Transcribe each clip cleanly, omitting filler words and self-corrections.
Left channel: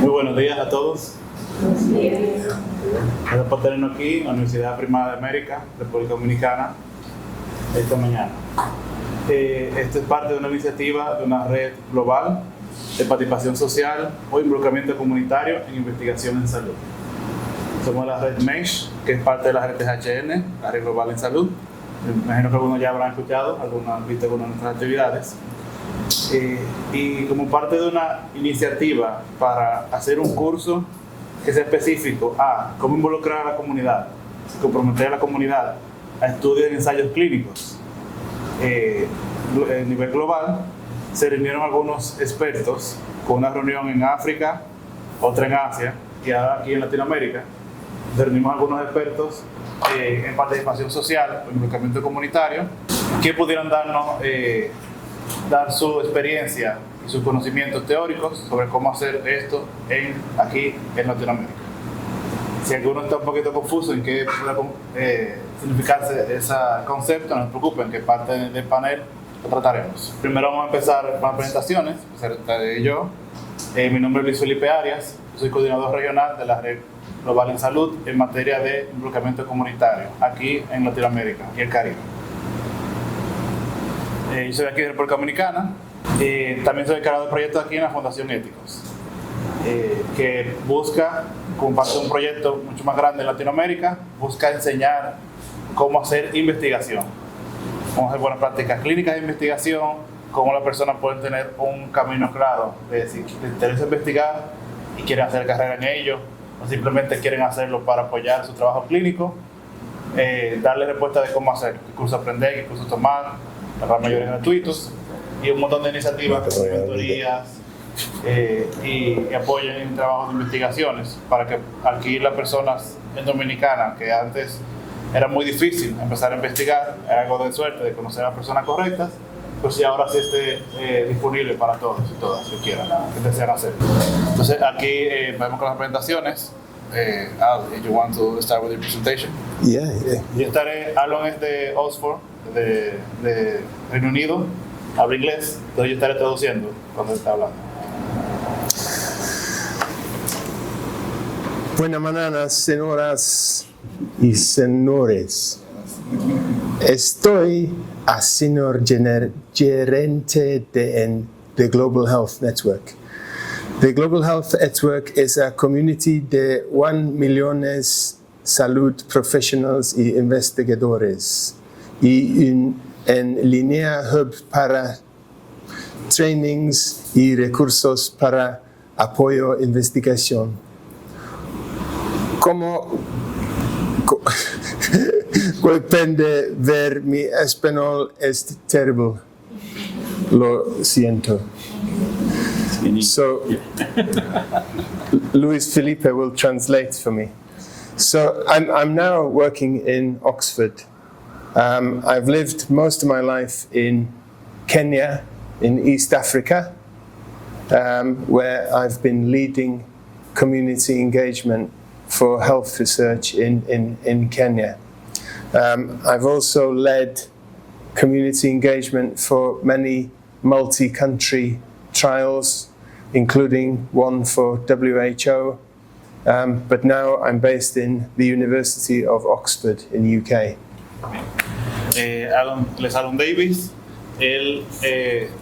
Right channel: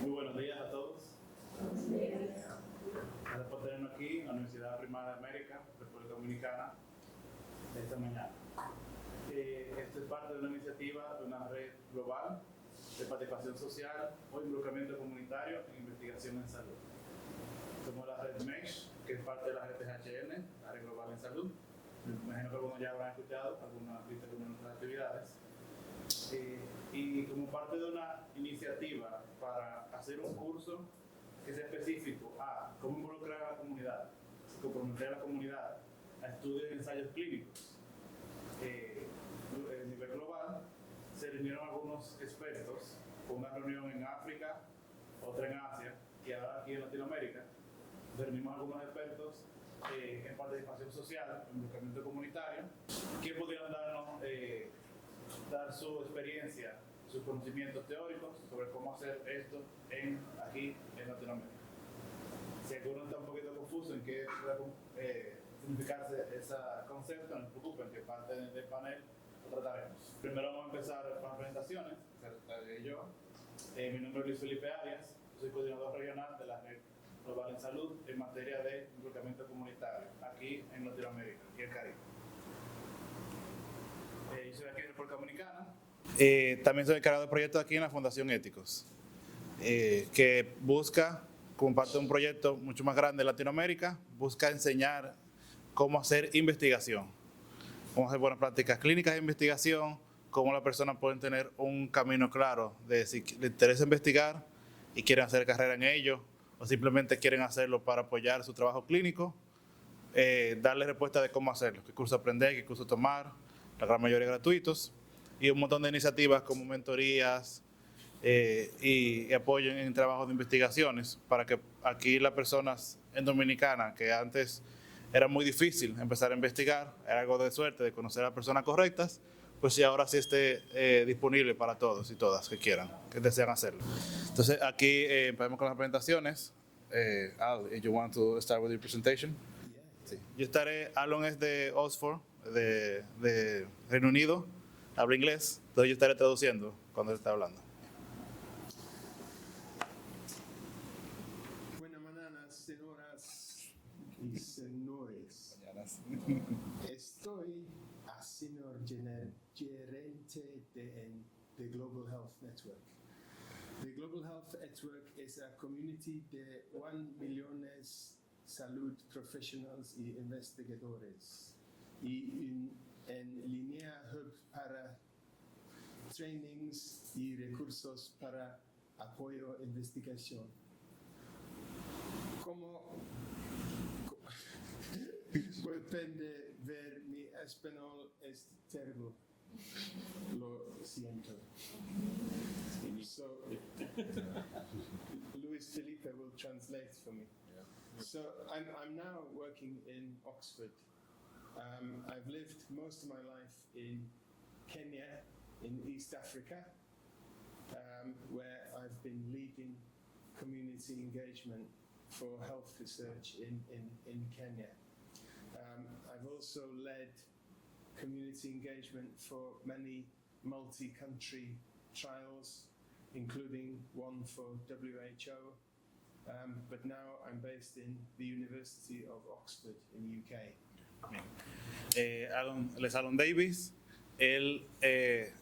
Muy buenos días a todos. Gracias por tenernos aquí en la Universidad Primada de América, República Dominicana, esta mañana. Esto es parte de una iniciativa de una red global de participación social o involucramiento comunitario en investigación en salud. Somos la red MESH, que es parte de la red THN, la red global en salud. Me imagino que algunos ya habrán escuchado, algunos han visto algunas de nuestras actividades. Y como parte de una iniciativa para hacer un curso que sea específico a cómo involucrar a la comunidad, comprometer a la comunidad a estudios en ensayos clínicos a nivel global, se reunieron algunos expertos con una reunión en África, otra en Asia y ahora aquí en Latinoamérica. Reunimos algunos expertos en participación social o involucramiento comunitario que pudieran dar su experiencia y sus conocimientos teóricos sobre cómo hacer esto aquí en Latinoamérica. Si alguno está un poquito confuso en qué puede significarse ese concepto, no se preocupen, que parte del panel lo trataremos. Primero vamos a empezar con las presentaciones. Yo, mi nombre es Luis Felipe Arias, soy coordinador regional de la Red Global en Salud en materia de involucramiento comunitario aquí en Latinoamérica y el Caribe. Yo soy de aquí de República Dominicana. También soy encargado del proyecto aquí en la Fundación Éticos, que busca, como parte de un proyecto mucho más grande en Latinoamérica, busca enseñar cómo hacer investigación, cómo hacer buenas prácticas clínicas de investigación, cómo las personas pueden tener un camino claro de si les interesa investigar y quieren hacer carrera en ello, o simplemente quieren hacerlo para apoyar su trabajo clínico, darles respuesta de cómo hacer, qué curso aprender, qué curso tomar, la gran mayoría gratuitos, y un montón de iniciativas como mentorías y apoyen en trabajos de investigaciones para que aquí las personas en Dominicana, que antes era muy difícil empezar a investigar, era algo de suerte de conocer a las personas correctas, pues sí, ahora sí esté disponible para todos y todas que quieran, que desean hacerlo. Entonces aquí vamos con las presentaciones. Al, you want to start with your presentation? Yeah. Yo estaré, Alon es de Oxford, de Reino Unido, habla inglés, entonces yo estaré traduciendo cuando está hablando. Buenas mañanas, señoras y señores. Estoy a señor gerente de the Global Health Network. The Global Health Network is a community de 1 million salud professionals y investigadores y en línea hub para trainings y recursos para apoyo e investigación. Como pueden ver, mi español es terrible. Lo siento. So, Luis Felipe will translate for me. So, I'm now working in Oxford. I've lived most of my life in Kenya, in East Africa, where I've been leading community engagement for health research in Kenya. I've also led community engagement for many multi-country trials, including one for WHO, but now I'm based in the University of Oxford in the UK. Les Alon Davis, él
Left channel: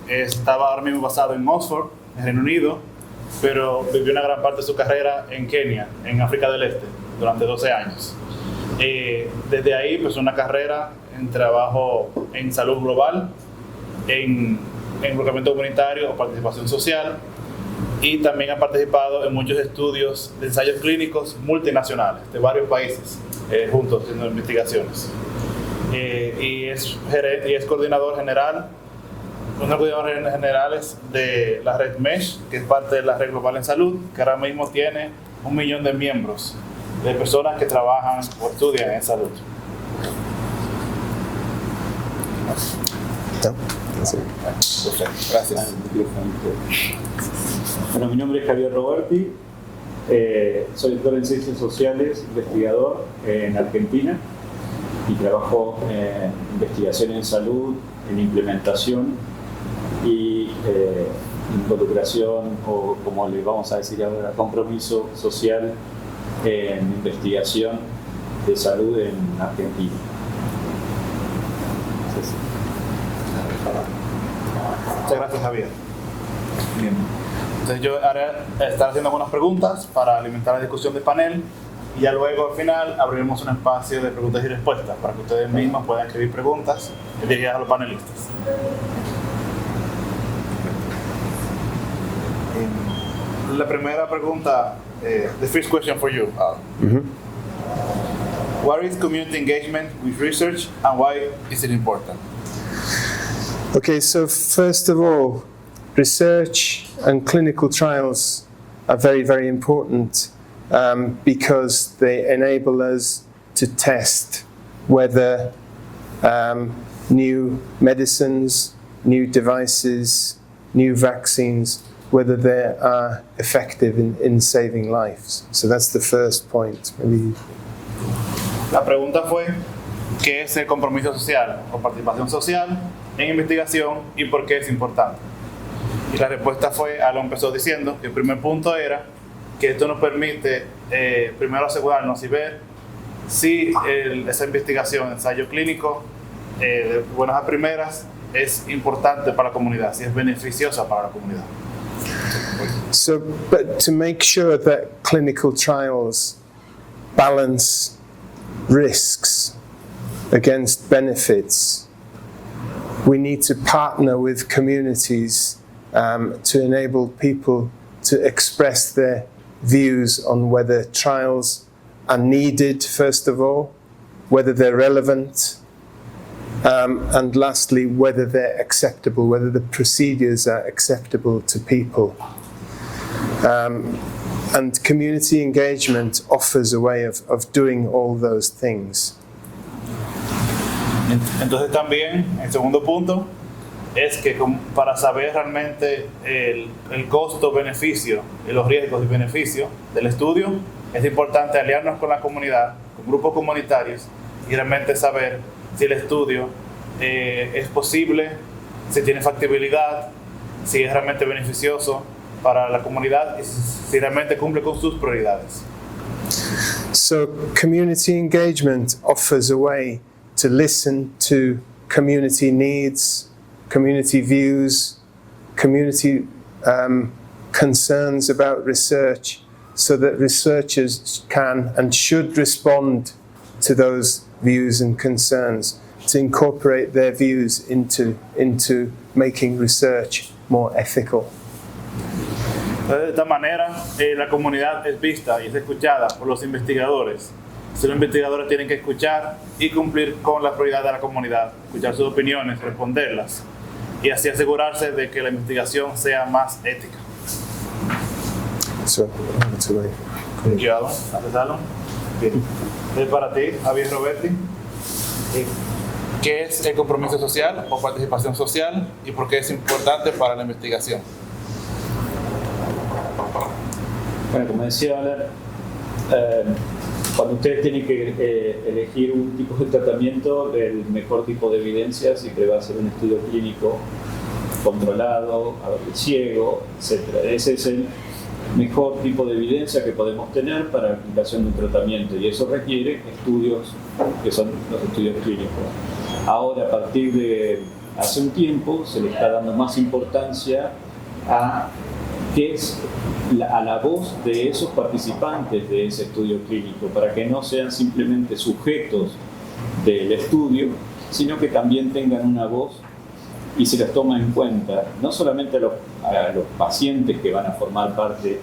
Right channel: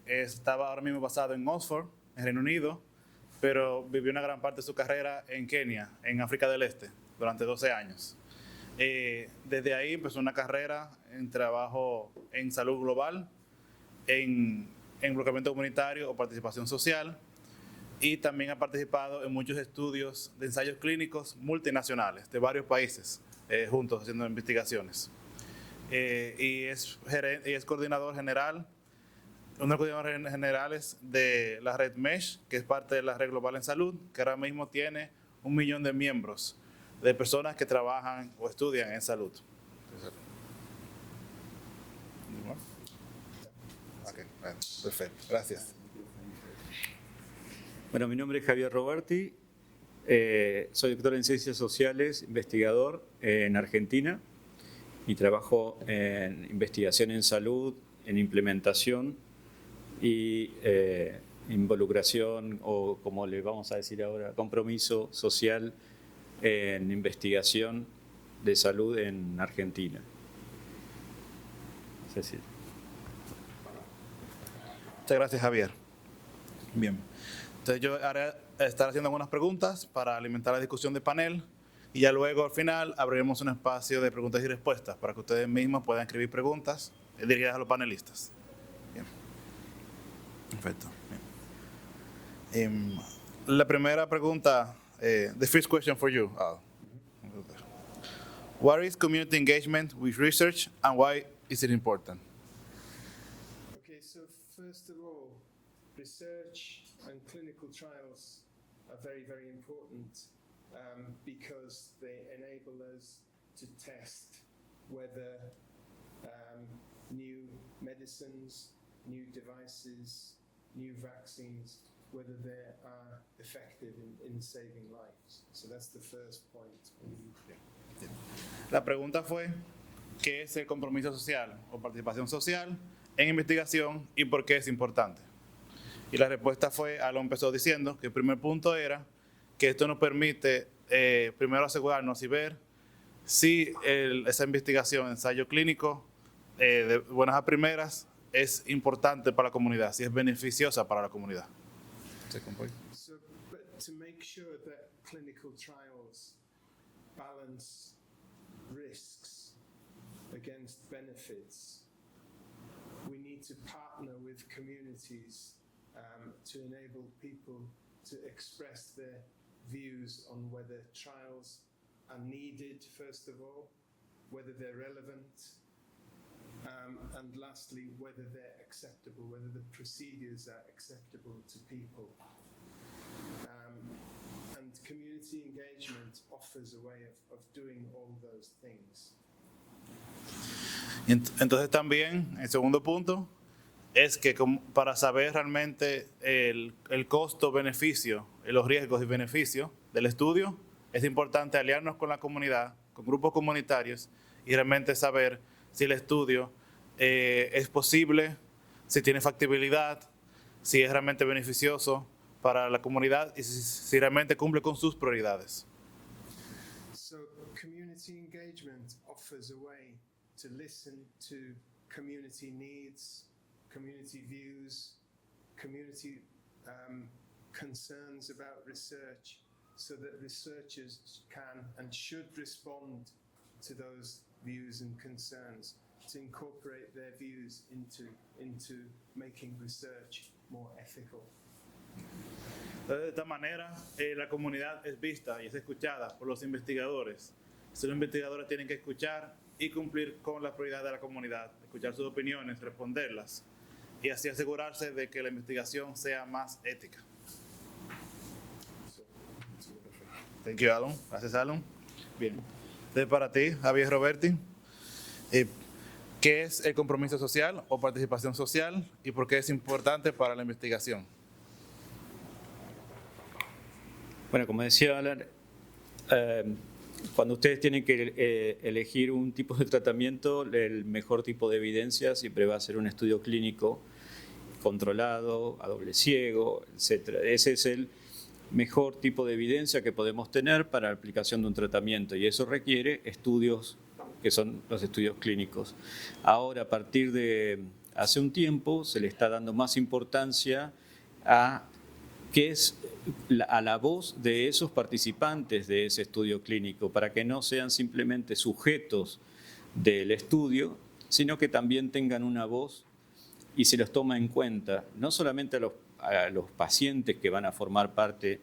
estaba ahora mismo basado en Oxford, en Reino Unido, pero vivió una gran parte de su carrera en Kenia, en África del Este, durante 12 años. Desde ahí, pues una carrera en trabajo en salud global, en involucramiento comunitario o participación social, y también ha participado en muchos estudios de ensayos clínicos multinacionales de varios países, juntos haciendo investigaciones. Y es coordinador general, uno de los coordinadores generales de la red MESH, que es parte de la red global en salud, que ahora mismo tiene 1 millón de miembros de personas que trabajan o estudian en salud. Perfecto, gracias. Bueno, mi nombre es Javier Roberti, soy doctor en Ciencias Sociales, investigador en Argentina y trabajo en investigación en salud, en implementación y involucración o, como le vamos a decir ahora, compromiso social en investigación de salud en Argentina. Muchas gracias, Javier. Bien. Entonces yo ahora estaré haciendo algunas preguntas para alimentar la discusión del panel y ya luego al final abriremos un espacio de preguntas y respuestas para que ustedes mismos puedan escribir preguntas dirigidas a los panelistas. La primera pregunta, the first question for you. What is community engagement with research and why is it important? Okay, so first of all, research and clinical trials are very, very important because they enable us to test whether new medicines, new devices, new vaccines, whether they are effective in saving lives. So that's the first point. Maybe. La pregunta fue, ¿qué es el compromiso social o participación social en investigación y por qué es importante? Y la respuesta fue, Alan empezó diciendo que el primer punto era que esto nos permite primero asegurarnos y ver si esa investigación, ensayo clínico, de buenas a primeras, es importante para la comunidad, si es beneficiosa para la comunidad. So, but to make sure that clinical trials balance risks against benefits, we need to partner with communities to enable people to express their views on whether trials are needed, first of all, whether they're relevant, and lastly, whether they're acceptable, whether the procedures are acceptable to people. And community engagement offers a way of doing all those things. Entonces también, el segundo punto, es que para saber realmente el costo-beneficio, los riesgos y beneficios del estudio, es importante aliarnos con la comunidad, con grupos comunitarios, y realmente saber si el estudio es posible, si tiene factibilidad, si es realmente beneficioso para la comunidad y si realmente cumple con sus prioridades. So community engagement offers a way to listen to community needs, community views, community concerns about research, so that researchers can and should respond to those views and concerns, to incorporate their views into making research more ethical. De esta manera, la comunidad es vista y es escuchada por los investigadores. Los investigadores tienen que escuchar y cumplir con las prioridades de la comunidad, escuchar sus opiniones, responderlas y así asegurarse de que la investigación sea más ética. So, Thank you, Alan. Gracias, Alan. Bien. Entonces, para ti, Javier Roberti, ¿qué es el compromiso social o participación social y por qué es importante para la investigación? Bueno, como decía Alan, cuando ustedes tienen que elegir un tipo de tratamiento, el mejor tipo de evidencia siempre va a ser un estudio clínico controlado, ciego, etc. Ese es el mejor tipo de evidencia que podemos tener para la aplicación de un tratamiento y eso requiere estudios que son los estudios clínicos. Ahora, a partir de hace un tiempo, se le está dando más importancia a qué es a la voz de esos participantes de ese estudio clínico, para que no sean simplemente sujetos del estudio, sino que también tengan una voz y se los toma en cuenta, no solamente a los pacientes que van a formar parte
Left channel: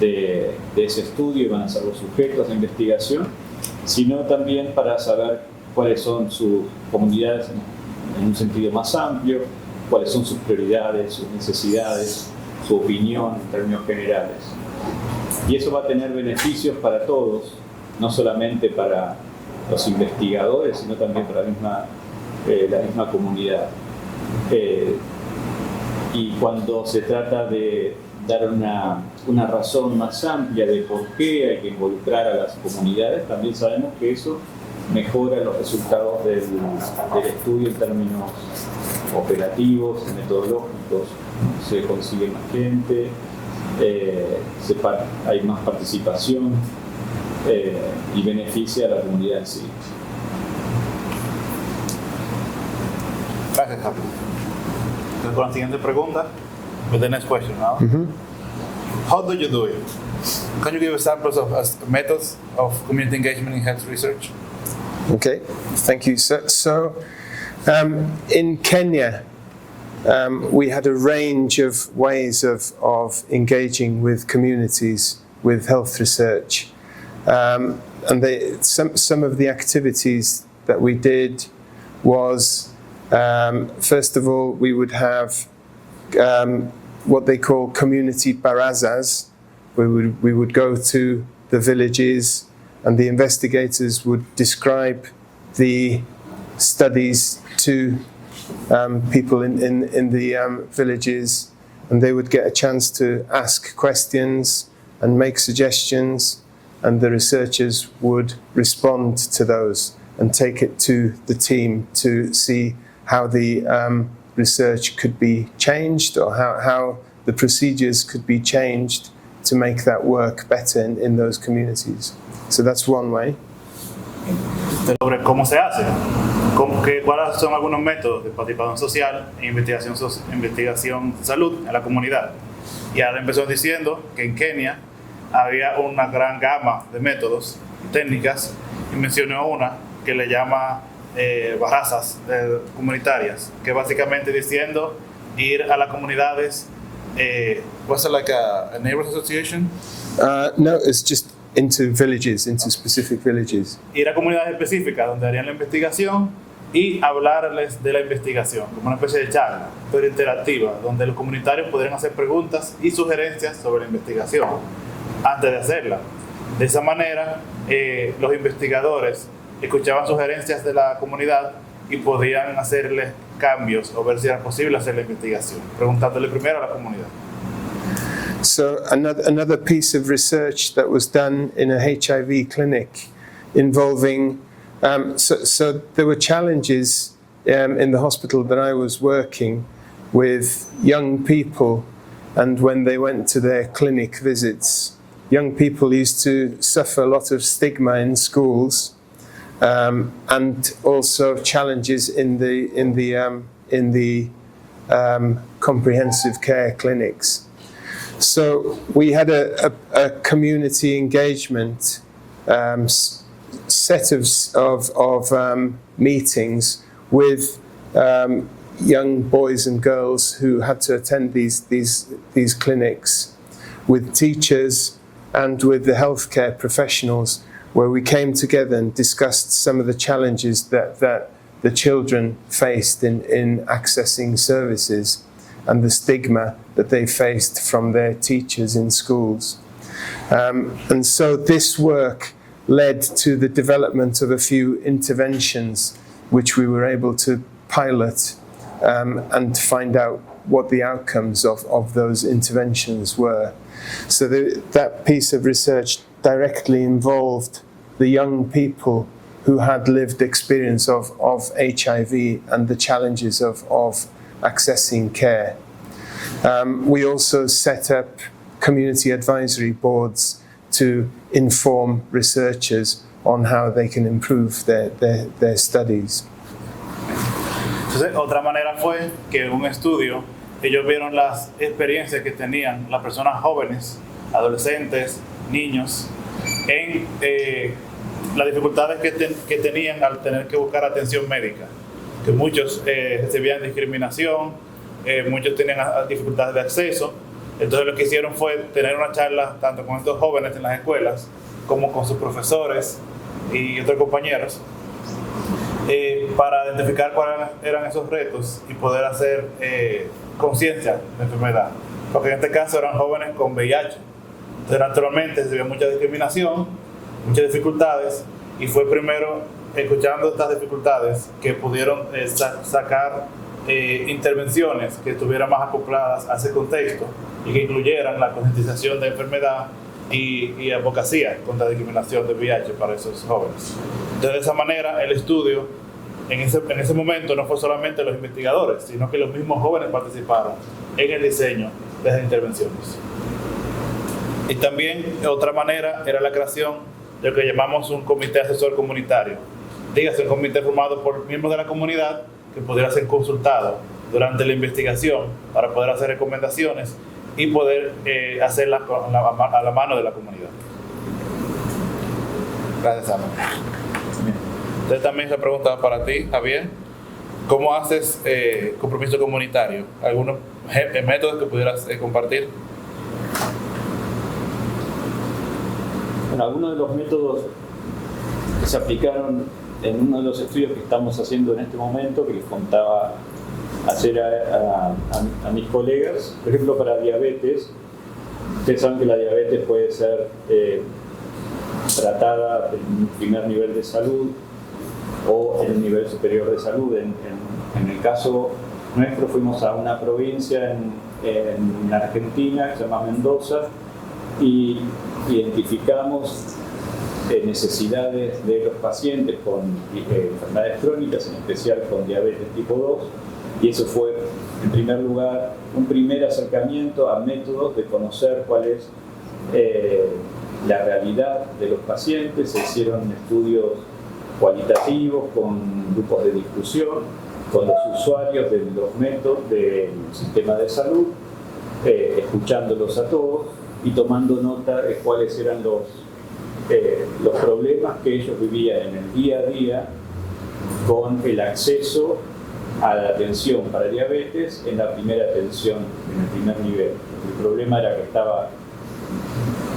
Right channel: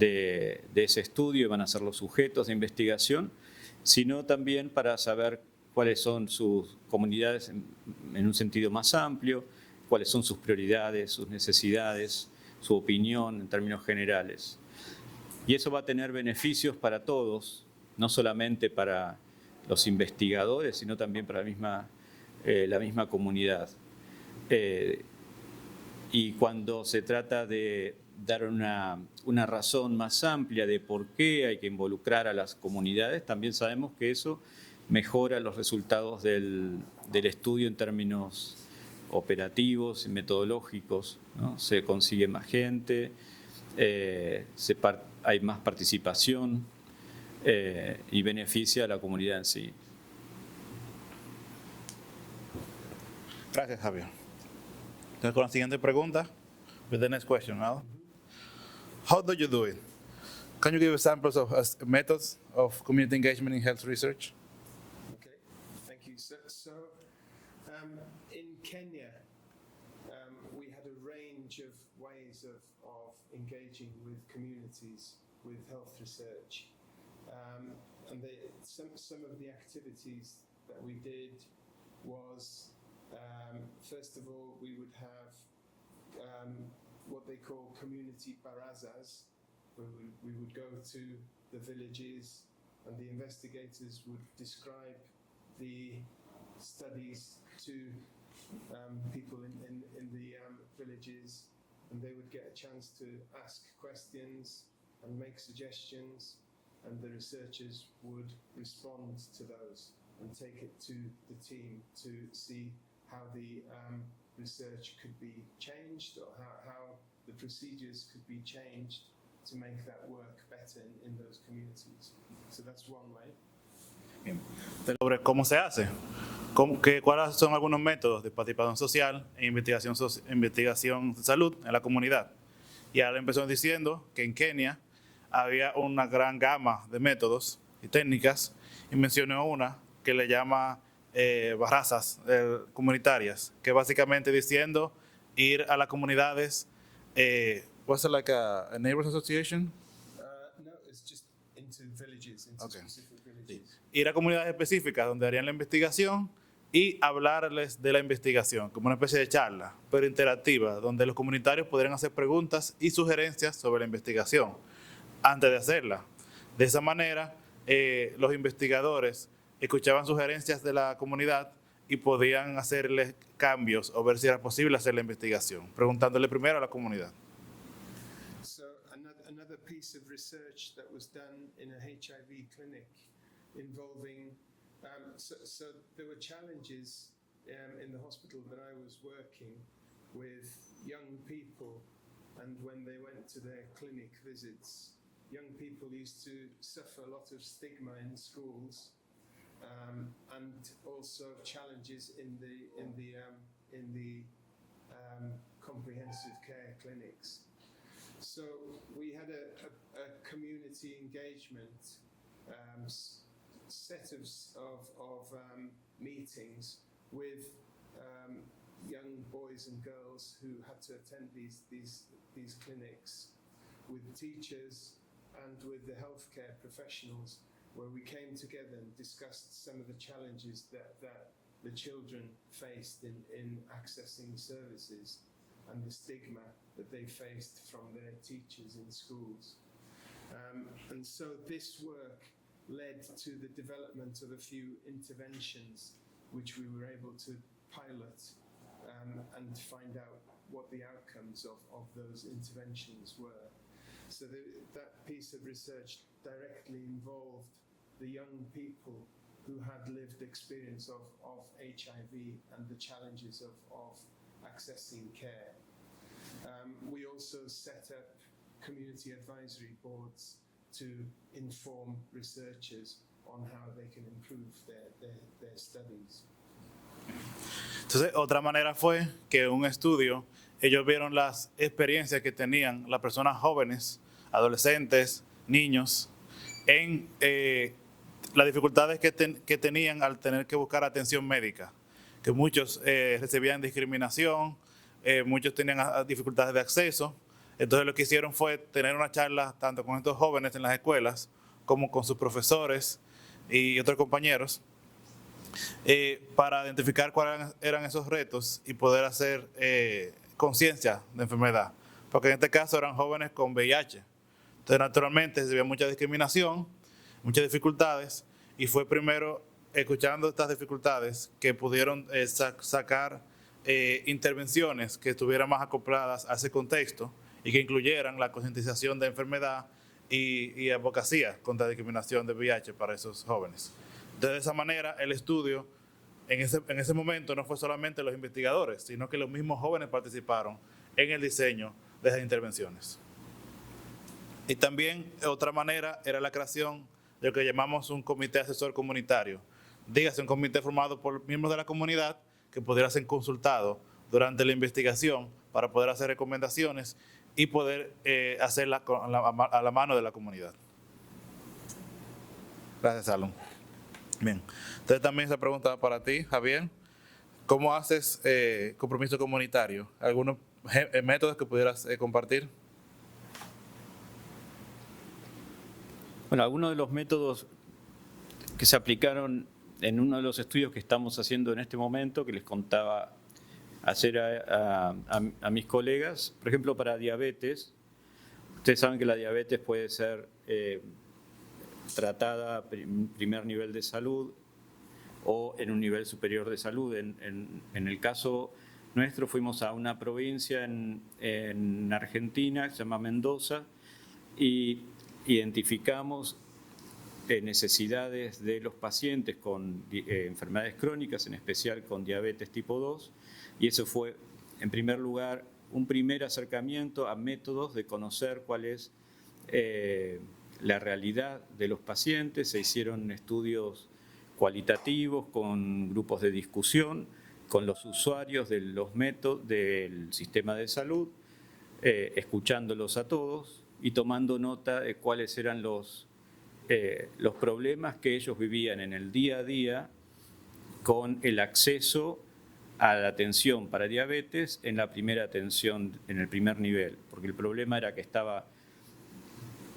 de ese estudio y van a ser los sujetos de investigación, sino también para saber cuáles son sus comunidades en un sentido más amplio, cuáles son sus prioridades, sus necesidades, su opinión en términos generales. Y eso va a tener beneficios para todos, no solamente para los investigadores, sino también para la misma comunidad. Y cuando se trata de dar una razón más amplia de por qué hay que involucrar a las comunidades, también sabemos que eso mejora los resultados del estudio en términos operativos y metodológicos, ¿no? Se consigue más gente, hay más participación y beneficia a la comunidad en sí. Gracias, Javi. Entonces, con la siguiente pregunta, with the next question now. How do you do it? Can you give examples of methods of community engagement in health research? Okay, thank you. So in Kenya, we had a range of ways of engaging with communities with health research. And some of the activities that we did was, first of all, we would have what they call community barazas. We would go to the villages, and the investigators would describe the studies to people in the villages, and they would get a chance to ask questions and make suggestions, and the researchers would respond to those and take it to the team to see how the research could be changed, or how the procedures could be changed to make that work better in those communities. So that's one way. Sobre cómo se hace, cuáles son algunos métodos de participación social e investigación de salud en la comunidad. Y ahora empezó diciendo que en Kenia había una gran gama de métodos y técnicas, y mencionó una que le llama barazas comunitarias, que básicamente diciendo ir a las comunidades. Was it like a neighbors association? No, it's just into villages, into specific villages. Ir a comunidades específicas donde harían la investigación y hablarles de la investigación, como una especie de charla, pero interactiva, donde los comunitarios podrían hacer preguntas y sugerencias sobre la investigación antes de hacerla. De esa manera, los investigadores escuchaban sugerencias de la comunidad y podían hacerles cambios o ver si era posible hacer la investigación, preguntándole primero a la comunidad. So another piece of research that was done in a HIV clinic involving, so there were challenges in the hospital that I was working with young people, and when they went to their clinic visits, young people used to suffer a lot of stigma in schools, and also challenges in the comprehensive care clinics. So we had a community engagement set of meetings with young boys and girls who had to attend these clinics, with teachers and with the healthcare professionals, where we came together and discussed some of the challenges that the children faced in accessing services, and the stigma that they faced from their teachers in schools. And so this work led to the development of a few interventions which we were able to pilot and find out what the outcomes of those interventions were. So that piece of research directly involved the young people who had lived experience of HIV and the challenges of accessing care. We also set up community advisory boards to inform researchers on how they can improve their studies. Entonces, otra manera fue que en un estudio ellos vieron las experiencias que tenían las personas jóvenes, adolescentes, niños, en las dificultades que tenían al tener que buscar atención médica, que muchos recibían discriminación, muchos tenían dificultades de acceso. Entonces lo que hicieron fue tener una charla tanto con estos jóvenes en las escuelas como con sus profesores y otros compañeros para identificar cuáles eran esos retos y poder hacer conciencia de la enfermedad, porque en este caso eran jóvenes con VIH. Entonces naturalmente se vio mucha discriminación, muchas dificultades, y fue primero escuchando estas dificultades que pudieron sacar intervenciones que estuvieran más acopladas a ese contexto y que incluyeran la concientización de enfermedad y advocacia contra la discriminación del VIH para esos jóvenes. Entonces, de esa manera, el estudio en ese momento no fue solamente los investigadores, sino que los mismos jóvenes participaron en el diseño de esas intervenciones. Y también, otra manera, era la creación de lo que llamamos un comité asesor comunitario. Dígase, un comité formado por miembros de la comunidad que pudiera ser consultado durante la investigación para poder hacer recomendaciones y poder hacerlas a la mano de la comunidad. Gracias, Ana. Bien. Entonces también se preguntaba para ti, Javier, ¿cómo haces compromiso comunitario? ¿Algunos métodos que pudieras compartir? Bueno, algunos de los métodos que se aplicaron en uno de los estudios que estamos haciendo en este momento, que les contaba ayer a mis colegas, por ejemplo, para diabetes, ustedes saben que la diabetes puede ser tratada en un primer nivel de salud o en un nivel superior de salud. En el caso nuestro fuimos a una provincia en Argentina que se llama Mendoza y identificamos necesidades de los pacientes con enfermedades crónicas, en especial con diabetes tipo 2, y eso fue, en primer lugar, un primer acercamiento a métodos de conocer cuál es la realidad de los pacientes. Se hicieron estudios cualitativos con grupos de discusión, con los usuarios de los métodos del sistema de salud, escuchándolos a todos y tomando nota de cuáles eran los problemas que ellos vivían en el día a día con el acceso a la atención para diabetes en la primera atención, en el primer nivel. El problema era que estaba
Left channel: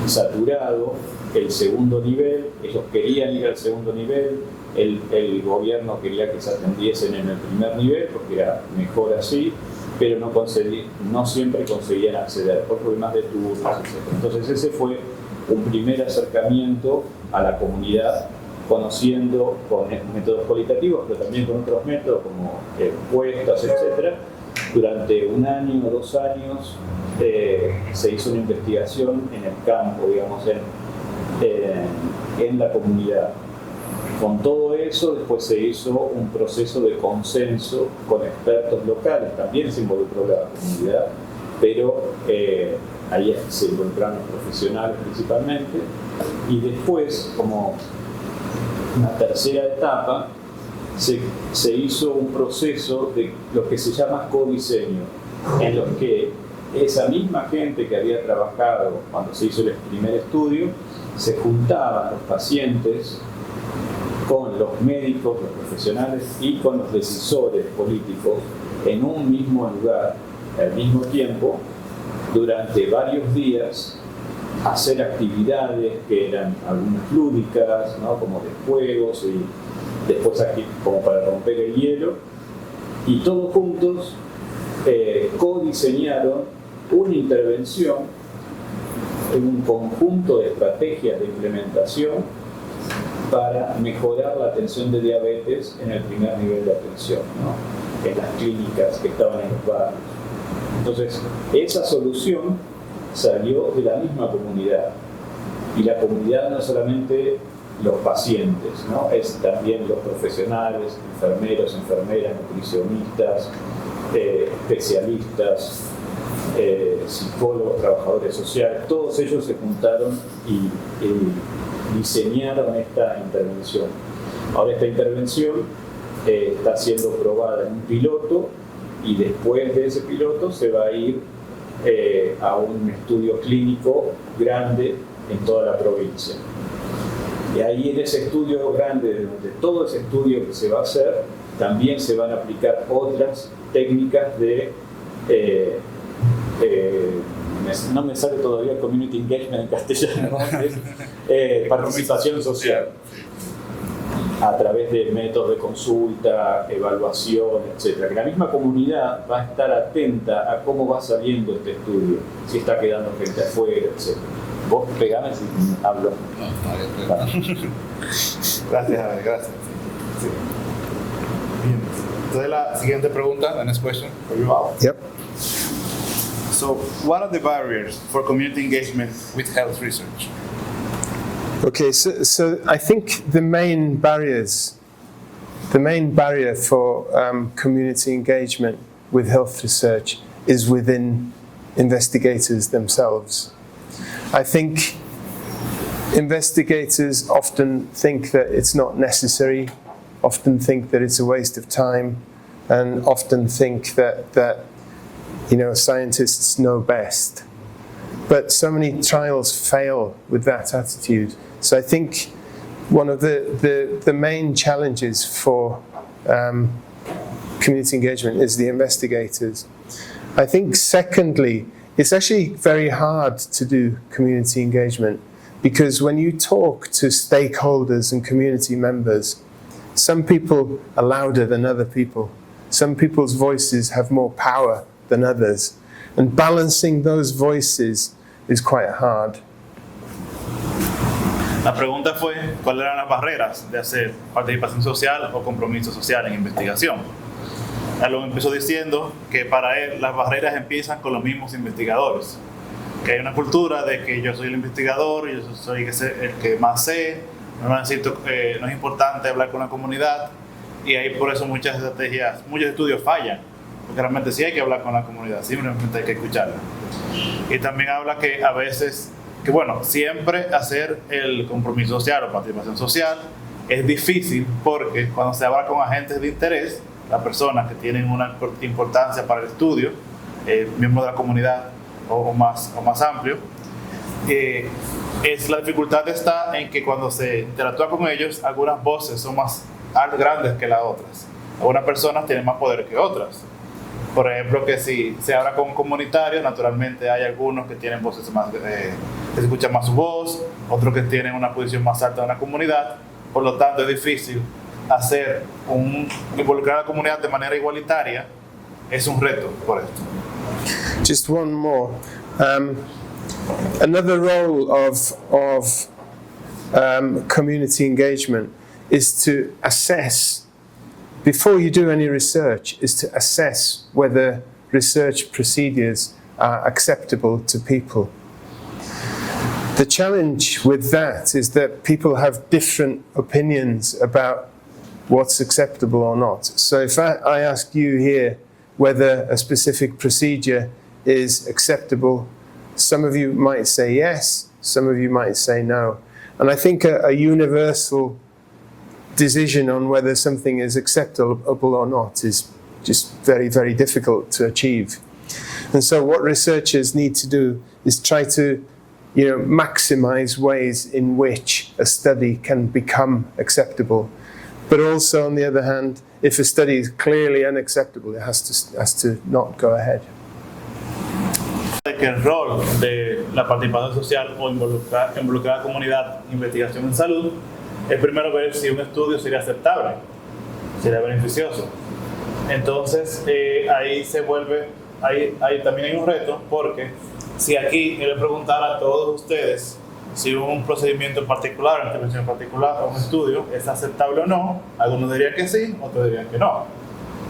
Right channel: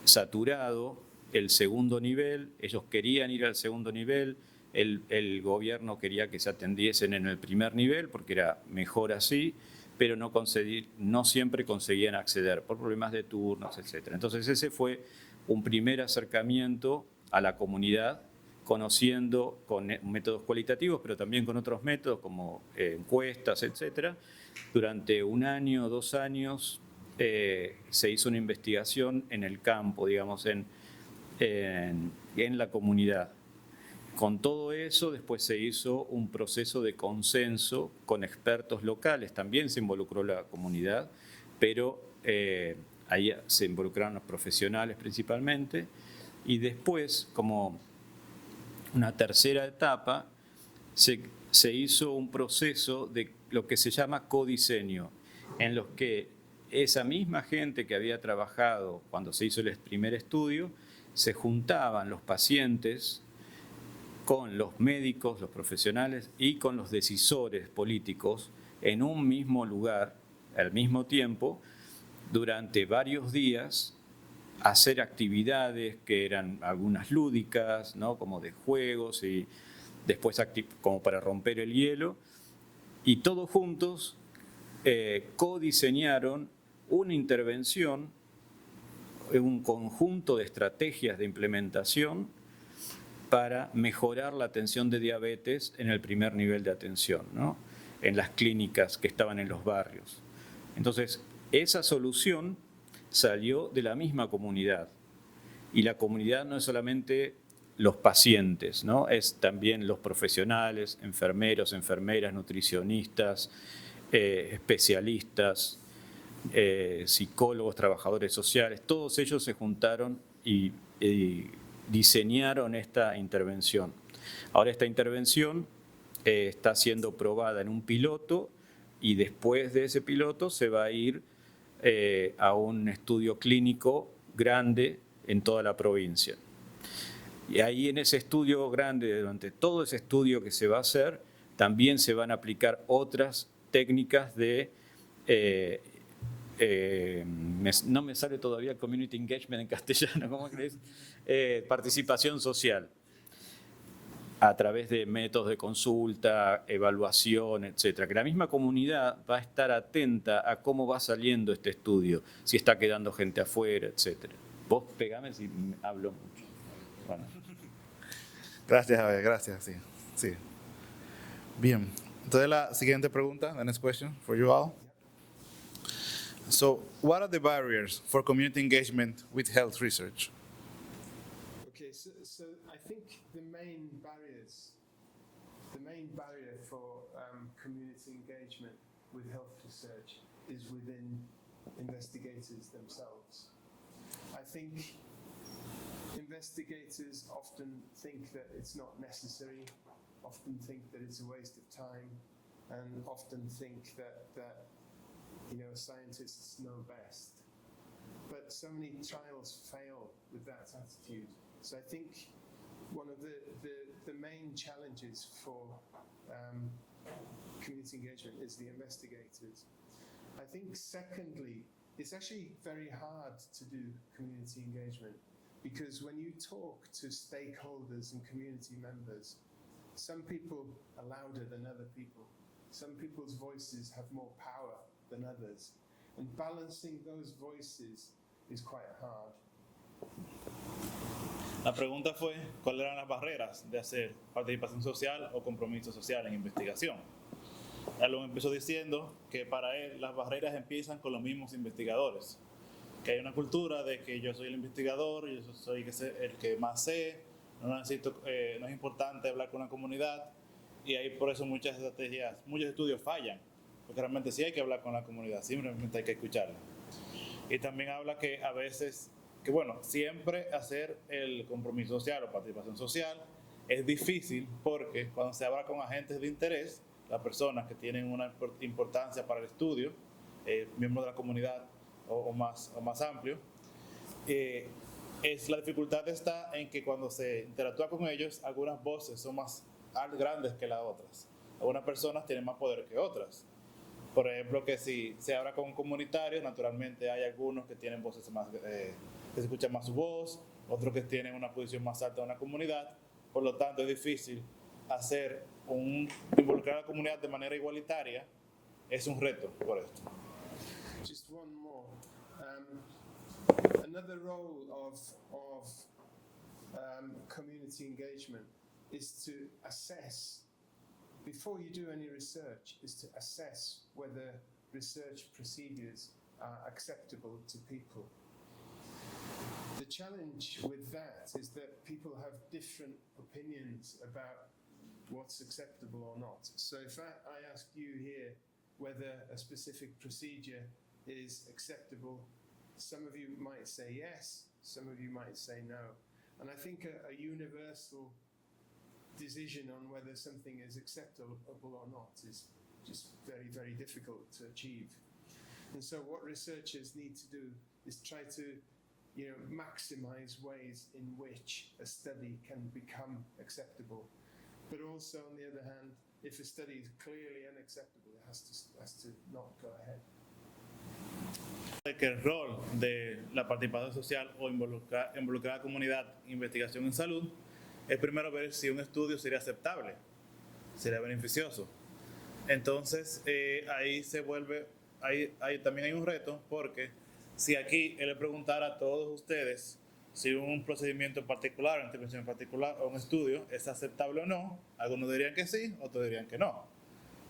saturado el segundo nivel, ellos querían ir al segundo nivel, el gobierno quería que se atendiesen en el primer nivel porque era mejor así, pero no siempre conseguían acceder por problemas de turnos, etc. Entonces ese fue un primer acercamiento a la comunidad, conociendo con métodos cualitativos, pero también con otros métodos como encuestas, etc. Durante 1 año o 2 años se hizo una investigación en el campo, digamos, en la comunidad. Con todo eso, después se hizo un proceso de consenso con expertos locales, también se involucró la comunidad, pero ahí se involucraron los profesionales principalmente, y después, como una tercera etapa, se hizo un proceso de lo que se llama codiseño, en los que esa misma gente que había trabajado cuando se hizo el primer estudio, se juntaban los pacientes con los médicos, los profesionales y con los decisores políticos en un mismo lugar, al mismo tiempo, durante varios días, hacer actividades que eran algunas lúdicas, ¿no?, como de juegos, y después como para romper el hielo, y todos juntos codiseñaron una intervención, un conjunto de estrategias de implementación para mejorar la atención de diabetes en el primer nivel de atención, ¿no?, en las clínicas que estaban en los barrios. Entonces, esa solución salió de la misma comunidad, y la comunidad no es solamente los pacientes, ¿no?, es también los profesionales, enfermeros, enfermeras, nutricionistas, especialistas, psicólogos, trabajadores sociales. Todos ellos se juntaron y diseñaron esta intervención. Ahora esta intervención está siendo probada en un piloto, y después de ese piloto se va a ir a un estudio clínico grande en toda la provincia. Y ahí, en ese estudio grande, durante todo ese estudio que se va a hacer, también se van a aplicar otras técnicas de no me sale todavía community engagement en castellano, participación social, a través de métodos de consulta, evaluación, etc. Que la misma comunidad va a estar atenta a cómo va saliendo este estudio, si está quedando gente afuera, etc. Vos pegame si hablo. Gracias, Javier, gracias. Sí. Bien. Entonces, la siguiente pregunta, the next question for you all. Yep. So, what are the barriers for community engagement with health research? Okay, so I think the main barrier for community engagement with health research is within investigators themselves. I think investigators often think that it's not necessary, often think that it's a waste of time, and often think that scientists know best. But so many trials fail with that attitude. So I think one of the main challenges for community engagement is the investigators. I think secondly, it's actually very hard to do community engagement because when you talk to stakeholders and community members, some people are louder than other people. Some people's voices have more power than others. And balancing those voices is quite hard. La pregunta fue cuáles eran las barreras de hacer participación social o compromiso social en investigación. Algo empezó diciendo que para él las barreras empiezan con los mismos investigadores. Que hay una cultura de que yo soy el investigador, yo soy el que más sé, no es importante hablar con la comunidad y ahí por eso muchas estrategias, muchos estudios fallan. Porque realmente sí hay que hablar con la comunidad, simplemente hay que escucharla. Y también habla que a veces, siempre hacer el compromiso social o participación social es difícil porque cuando se habla con agentes de interés, las personas que tienen una importancia para el estudio, miembros de la comunidad o más amplio, la dificultad está en que cuando se interactúa con ellos, algunas voces son más grandes que las otras. Algunas personas tienen más poder que otras. Por ejemplo, que si se habla con comunitarios, naturalmente hay algunos que tienen voces más, que se escucha más su voz, otros que tienen una posición más alta en la comunidad. Por lo tanto, es difícil involucrar a la comunidad de manera igualitaria. Es un reto por esto. Just one more. Another role of community engagement is to assess. Before you do any research, is to assess whether research procedures are acceptable to people. The challenge with that is that people have different opinions about what's acceptable or not. So if I ask you here whether a specific procedure is acceptable, some of you might say yes, some of you might say no. And I think a universal decision on whether something is acceptable or not is just very, very difficult to achieve. And so what researchers need to do is try to maximize ways in which a study can become acceptable. But also, on the other hand, if a study is clearly unacceptable, it has to not go ahead. Que el rol de la participación social o involucrar a la comunidad en investigación en salud es primero ver si un estudio sería aceptable, sería beneficioso. Entonces, ahí también hay un reto, porque si aquí yo le preguntara a todos ustedes si un procedimiento en particular, una intervención en particular o un estudio es aceptable o no, algunos dirían que sí, otros dirían que no.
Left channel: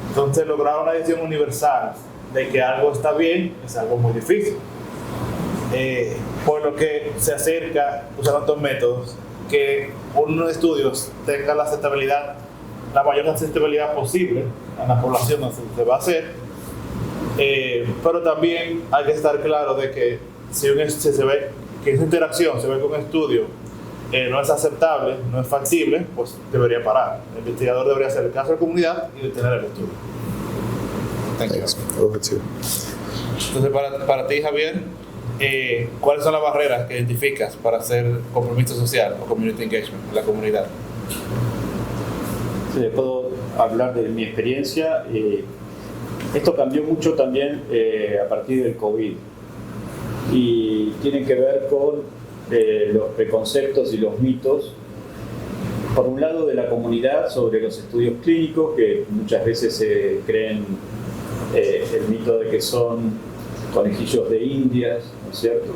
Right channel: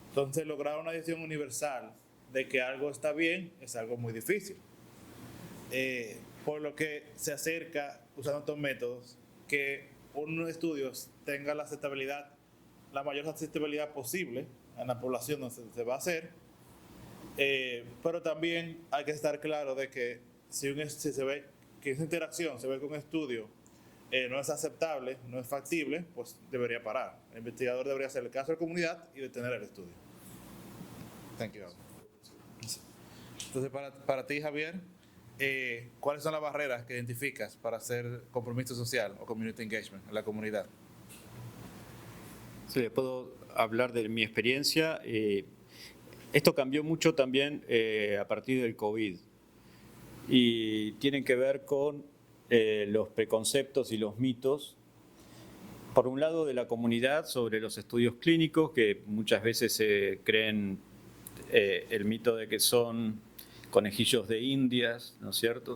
Entonces, lograr una decisión universal de que algo está bien es algo muy difícil. Por lo que se acerca, usando estos métodos, que unos estudios tengan la mayor aceptabilidad posible en la población donde se va a hacer, pero también hay que estar claro de que si se ve que esa interacción se ve con un estudio no es aceptable, no es factible, pues debería parar. El investigador debería hacer el caso a la comunidad y detener el estudio. Thanks. Over to you. Entonces, para ti, Javier, ¿cuáles son las barreras que identificas para hacer compromiso social o community engagement en la comunidad? Sí, puedo hablar de mi experiencia. Esto cambió mucho también a partir del COVID y tiene que ver con los preconceptos y los mitos, por un lado de la comunidad sobre los estudios clínicos, que muchas veces se creen el mito de que son conejillos de indias, ¿no es cierto?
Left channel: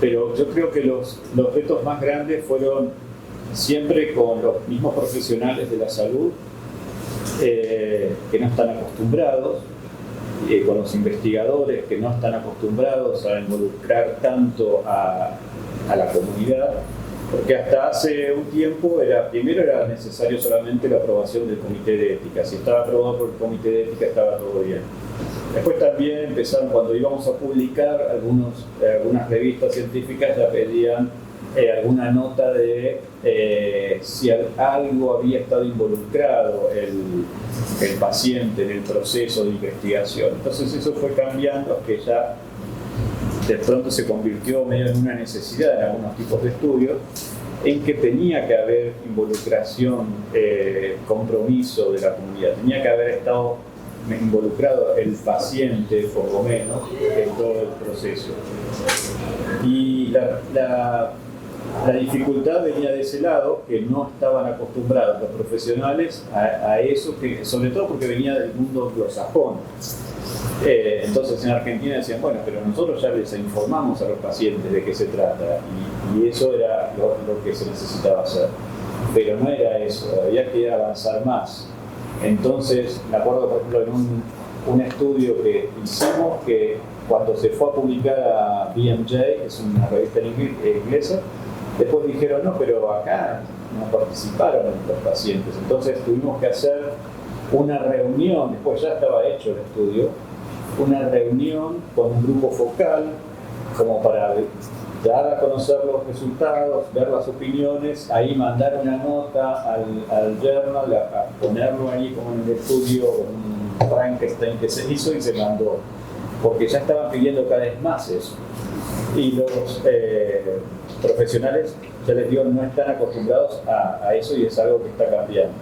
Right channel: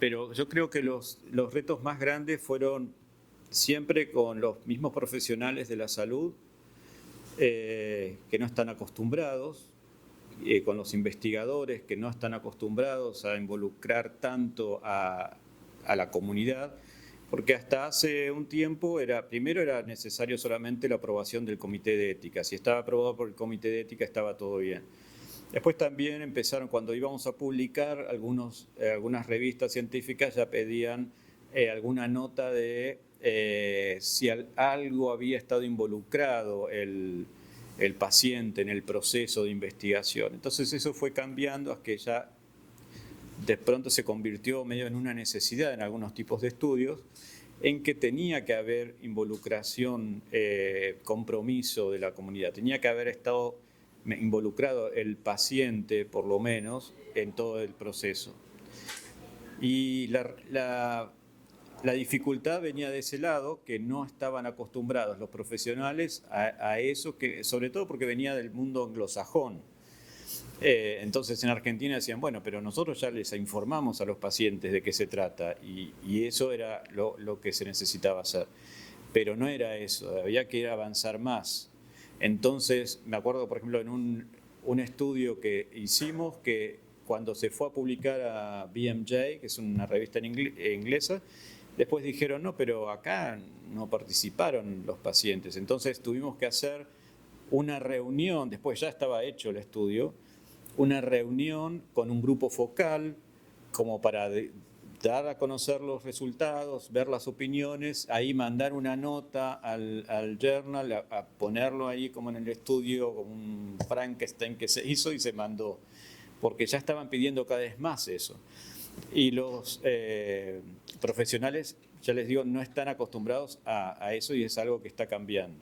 Pero yo creo que los retos más grandes fueron siempre con los mismos profesionales de la salud que no están acostumbrados con los investigadores que no están acostumbrados a involucrar tanto a la comunidad, porque hasta hace un tiempo primero era necesario solamente la aprobación del comité de ética. Si estaba aprobado por el comité de ética estaba todo bien. Después también empezaron, cuando íbamos a publicar, algunas revistas científicas ya pedían alguna nota de si algo había estado involucrado el paciente en el proceso de investigación. Entonces eso fue cambiando, que ya de pronto se convirtió medio en una necesidad en algunos tipos de estudios, en que tenía que haber involucración, compromiso de la comunidad, tenía que haber estado involucrado el paciente, por lo menos, en todo el proceso. Y la dificultad venía de ese lado, que no estaban acostumbrados los profesionales a eso, sobre todo porque venía del mundo anglosajón. Entonces en Argentina decían, bueno, pero nosotros ya les informamos a los pacientes de qué se trata, y eso era lo que se necesitaba hacer. Pero no era eso, había que avanzar más. Entonces, me acuerdo, por ejemplo, en un estudio que hicimos, que cuando se fue a publicar a BMJ, que es una revista inglesa, después dijeron, no, pero acá no participaron los pacientes. Entonces tuvimos que hacer una reunión, después ya estaba hecho el estudio, una reunión con un grupo focal, como para dar a conocer los resultados, ver las opiniones, ahí mandar una nota al journal, a ponerlo ahí como en el estudio, un Frankenstein que se hizo y se mandó, porque ya estaban pidiendo cada vez más eso. Y los profesionales, ya les digo, no están acostumbrados a eso, y es algo que está cambiando.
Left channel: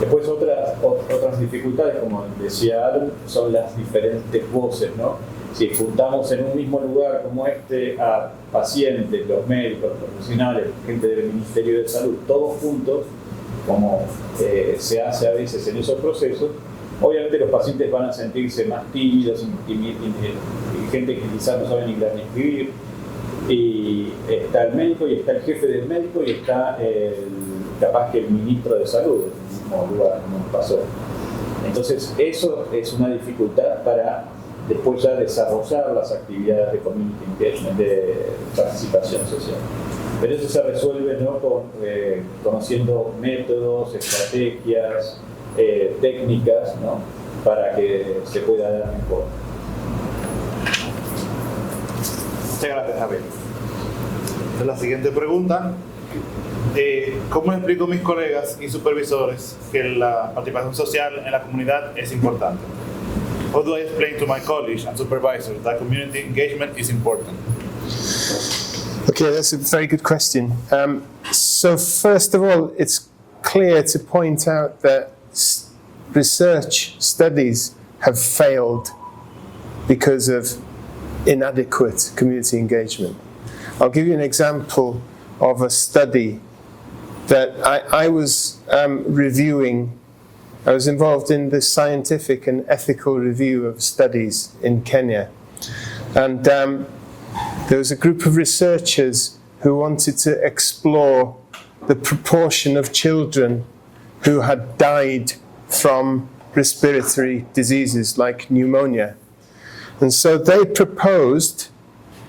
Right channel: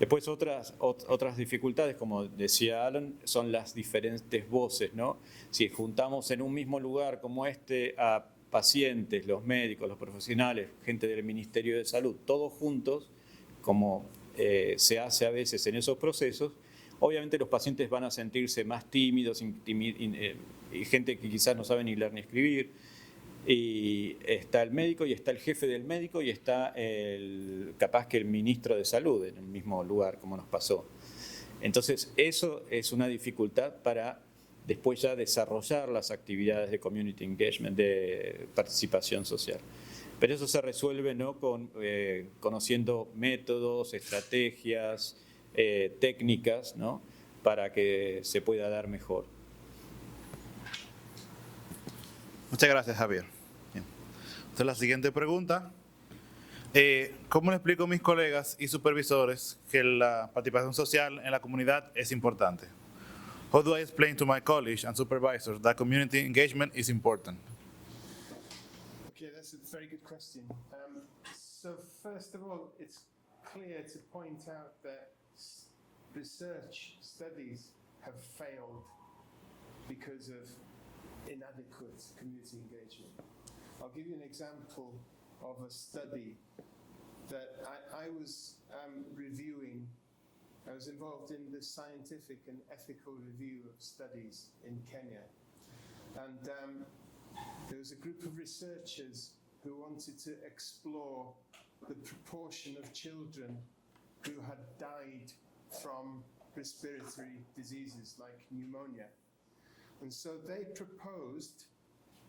Después otras dificultades, como decía Aaron, son las diferentes voces, ¿no? Si juntamos en un mismo lugar como este a pacientes, los médicos, los profesionales, gente del Ministerio de Salud, todos juntos, como se hace a veces en esos procesos, obviamente los pacientes van a sentirse más tímidos y gente que quizás no sabe ni leer ni escribir, y está el médico, y está el jefe del médico, y está capaz que el ministro de Salud, en el mismo lugar, como nos pasó. Entonces eso es una dificultad para después ya desarrollar las actividades de community engagement, de participación social. Pero eso se resuelve, ¿no?, conociendo métodos, estrategias, técnicas, ¿no?, para que se pueda dar mejor. Muchas gracias, Javier. Entonces, la siguiente pregunta. ¿Cómo explico a mis colegas y supervisores que la participación social en la comunidad es importante? How do I explain to my colleagues and supervisors that community engagement is important? Okay, that's a very good question. So first of all, it's clear to point out that research studies have failed because of inadequate community engagement. I'll give you an example of a study that I was reviewing. I was involved in the scientific and ethical review of studies in Kenya. And there was a group of researchers who wanted to explore the proportion of children who had died from respiratory diseases like pneumonia. And so they proposed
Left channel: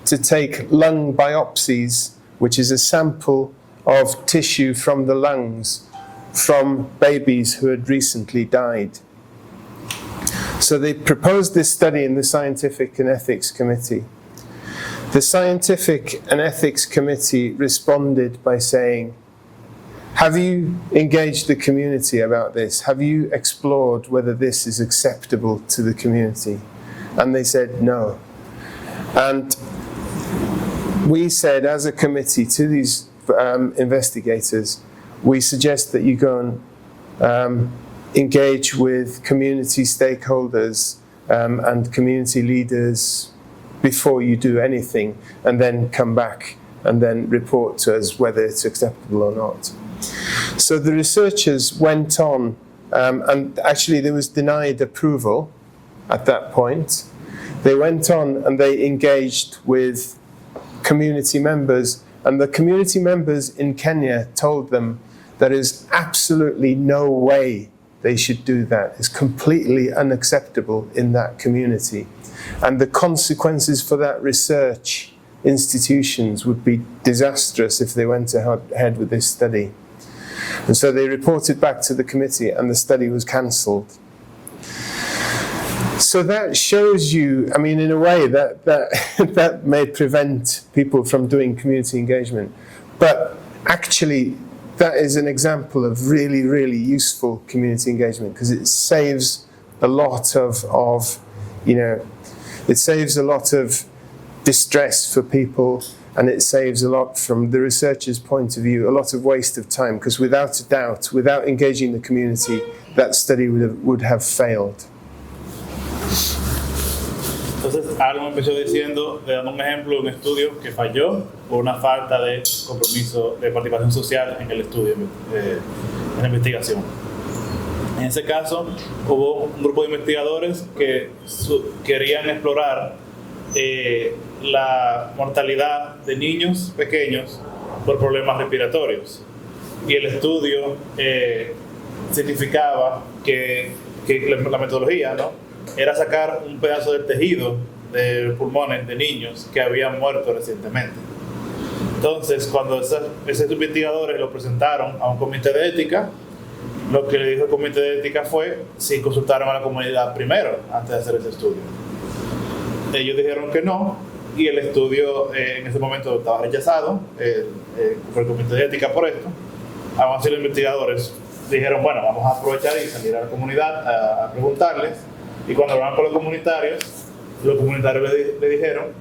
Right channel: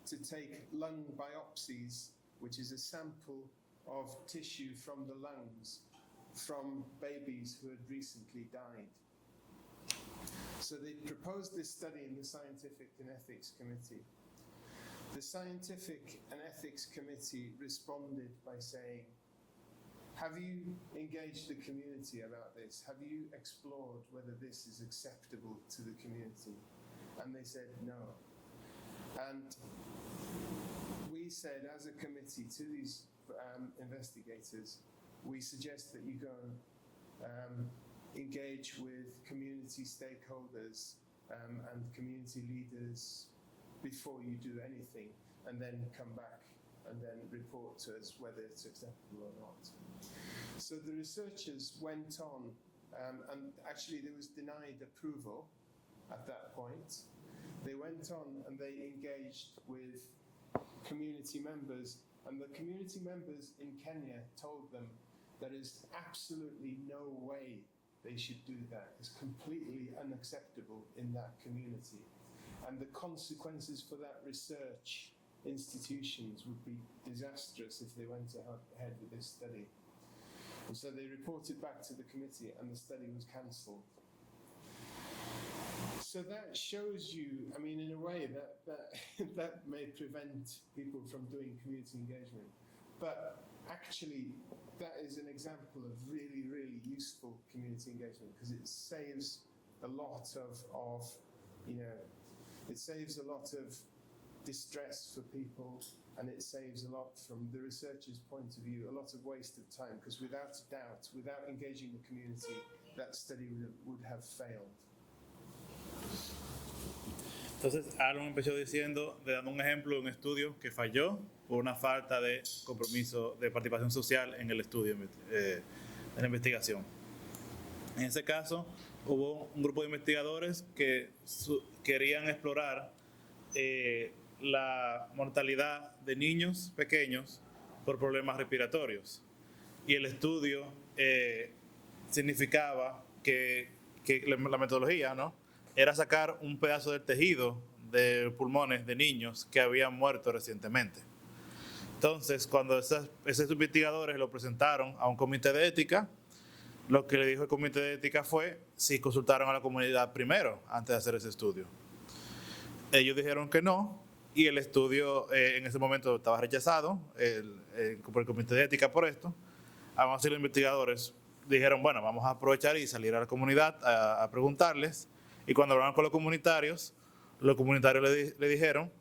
to take lung biopsies, which is a sample of tissue from the lungs from babies who had recently died. So they proposed this study in the Scientific and Ethics Committee. The Scientific and Ethics Committee responded by saying, have you engaged the community about this? Have you explored whether this is acceptable to the community? And they said no. And we said as a committee to these investigators, we suggest that you go and engage with community stakeholders and community leaders before you do anything, and then come back and then report to us whether it's acceptable or not. So the researchers went on, and actually there was denied approval at that point. They went on and they engaged with community members, and the community members in Kenya told them there is absolutely no way they should do that. It's completely unacceptable in that community. And the consequences for that research institutions would be disastrous if they went ahead with this study. And so they reported back to the committee and the study was cancelled. So that shows you, I mean, in a way, that may prevent people from doing community engagement. But actually, that is an example of really, really useful community engagement because it saves a lot of it saves a lot of distress for people, and it saves a lot from the researcher's point of view, a lot of waste of time, because without a doubt, without engaging the community, that study would have failed. Entonces, Alan empezó diciendo, dando un ejemplo de un estudio que falló por una falta de compromiso de participación social en el estudio, en la investigación. En ese caso, hubo un grupo de investigadores que querían explorar la mortalidad de niños pequeños por problemas respiratorios. Y el estudio significaba que la metodología, ¿no?, era sacar un pedazo del tejido de pulmones de niños que habían muerto recientemente. Entonces, cuando esos investigadores lo presentaron a un comité de ética, lo que le dijo el comité de ética fue si consultaron a la comunidad primero antes de hacer ese estudio. Ellos dijeron que no, y el estudio en ese momento estaba rechazado por el comité de ética por esto. Aún así, los investigadores dijeron, bueno, vamos a aprovechar y salir a la comunidad a preguntarles. Y cuando hablaron con los comunitarios le dijeron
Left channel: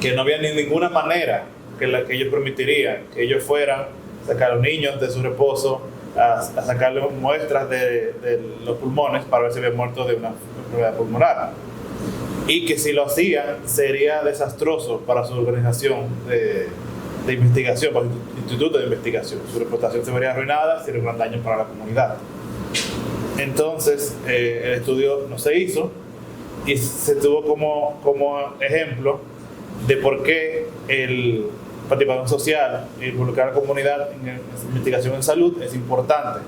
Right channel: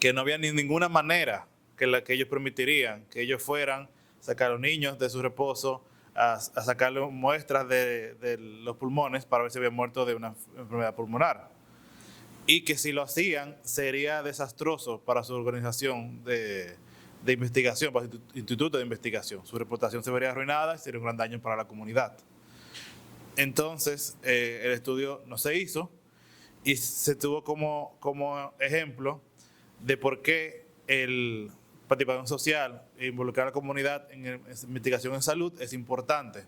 que no había ninguna manera que ellos permitirían que ellos fueran a sacar a los niños de su reposo, a sacarles muestras de los pulmones para ver si habían muerto de una enfermedad pulmonar. Y que si lo hacían sería desastroso para su organización de investigación, para su instituto de investigación. Su reputación se vería arruinada y sería un gran daño para la comunidad. Entonces, el estudio no se hizo y se tuvo como ejemplo de por qué el participación social y involucrar a la comunidad en investigación en salud es importante.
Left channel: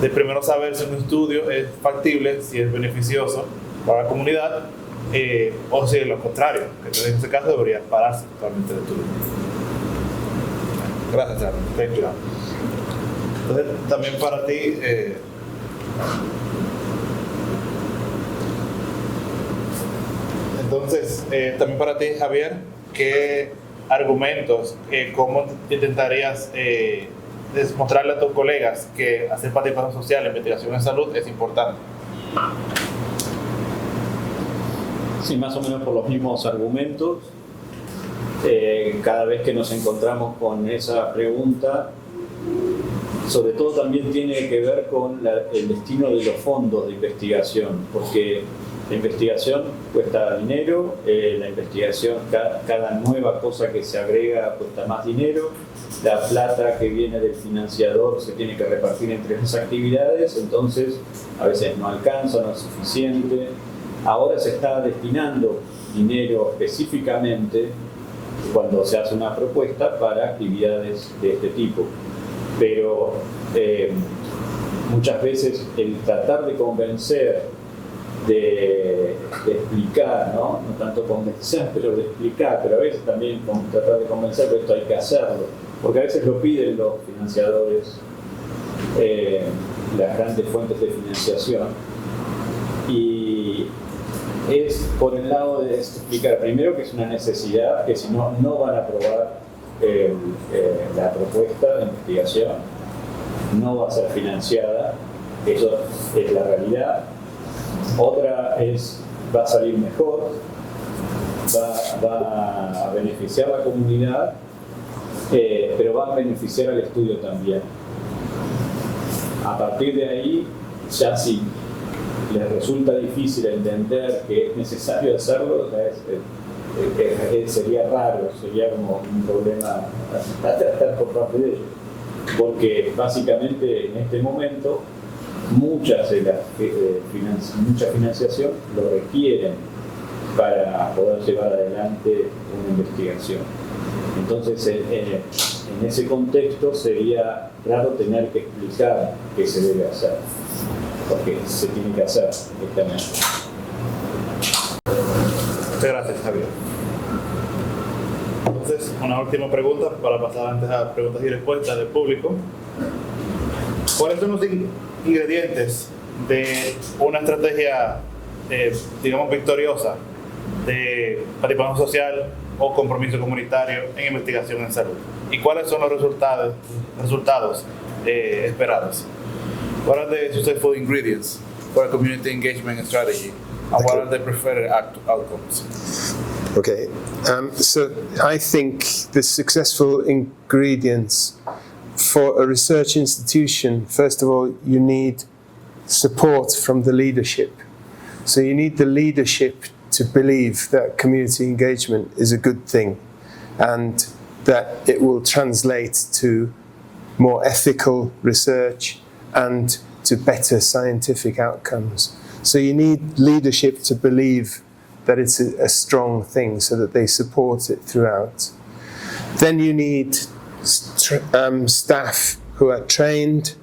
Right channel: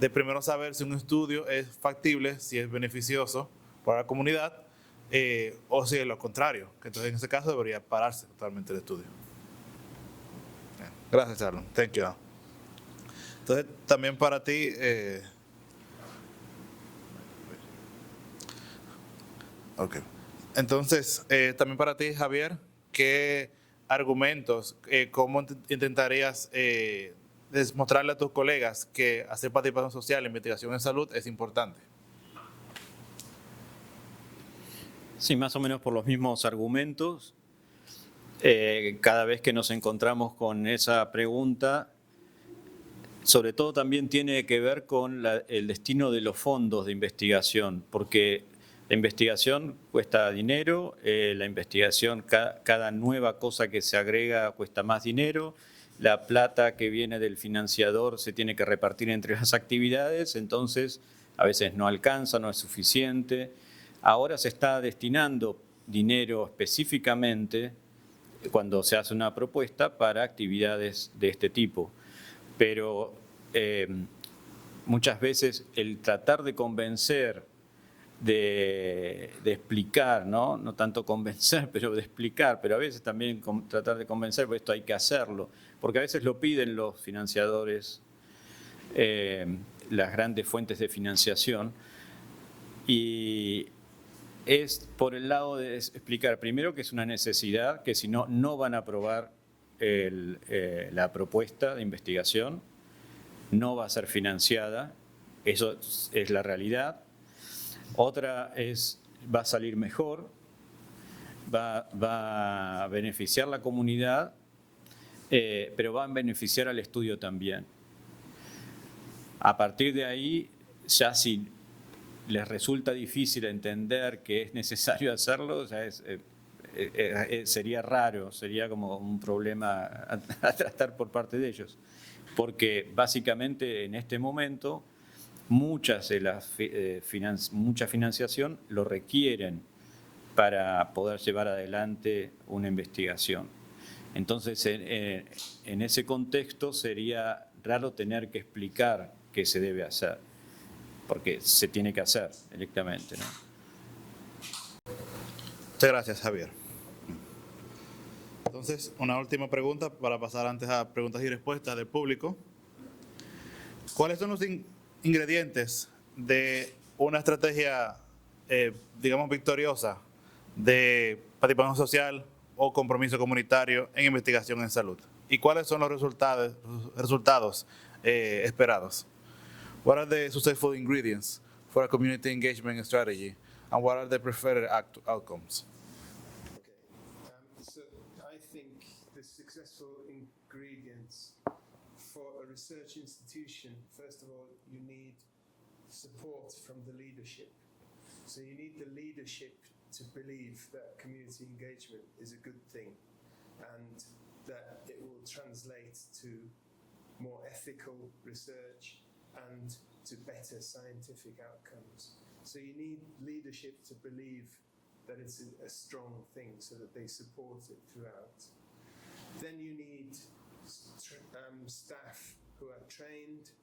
De primero saber si un estudio es factible, si es beneficioso para la comunidad, o si es lo contrario, que en ese caso debería pararse totalmente el estudio. Gracias, Aaron. Thank you. Entonces, también para ti, entonces, también para ti, Javier, ¿qué argumentos, cómo intentarías mostrarle a tus colegas que hacer participación social en investigación en salud es importante? Sí, más o menos por los mismos argumentos. Cada vez que nos encontramos con esa pregunta, sobre todo también tiene que ver con el destino de los fondos de investigación, porque la investigación cuesta dinero, la investigación, cada nueva cosa que se agrega cuesta más dinero, la plata que viene del financiador se tiene que repartir entre las actividades, entonces a veces no alcanza, no es suficiente. Ahora se está destinando dinero específicamente cuando se hace una propuesta para actividades de este tipo. Pero muchas veces el tratar de convencer, de explicar, ¿no? No tanto convencer, pero de explicar, pero a veces también tratar de convencer, pues esto hay que hacerlo, porque a veces lo piden los financiadores, las grandes fuentes de financiación, y es por el lado de explicar primero que es una necesidad, que si no, no van a aprobar la propuesta de investigación, no va a ser financiada, eso es la realidad. Otra es, va a salir mejor, va a beneficiar a la comunidad, pero va a beneficiar al estudio también. A partir de ahí, ya si les resulta difícil entender que es necesario hacerlo, o sea, sería raro, sería como un problema a tratar por parte de ellos, porque básicamente en este momento mucha financiación lo requieren para poder llevar adelante una investigación. Entonces, en ese contexto sería raro tener que explicar qué se debe hacer, porque se tiene que hacer directamente. Muchas gracias, Javier. Entonces, una última pregunta para pasar antes a preguntas y respuestas del público. ¿Cuáles son los ingredientes de una estrategia, digamos, victoriosa de participación social o compromiso comunitario en investigación en salud? ¿Y cuáles son los resultados esperados? What are the successful ingredients for a community engagement strategy, and what are the preferred outcomes? Okay, so I think the successful ingredients for a research institution, first of all, you need support from the leadership. So you need the leadership to believe that community engagement is a good thing and that it will translate to more ethical research and to better scientific outcomes. So you need leadership to believe that it's a strong thing so that they support it throughout. Then you need staff who are trained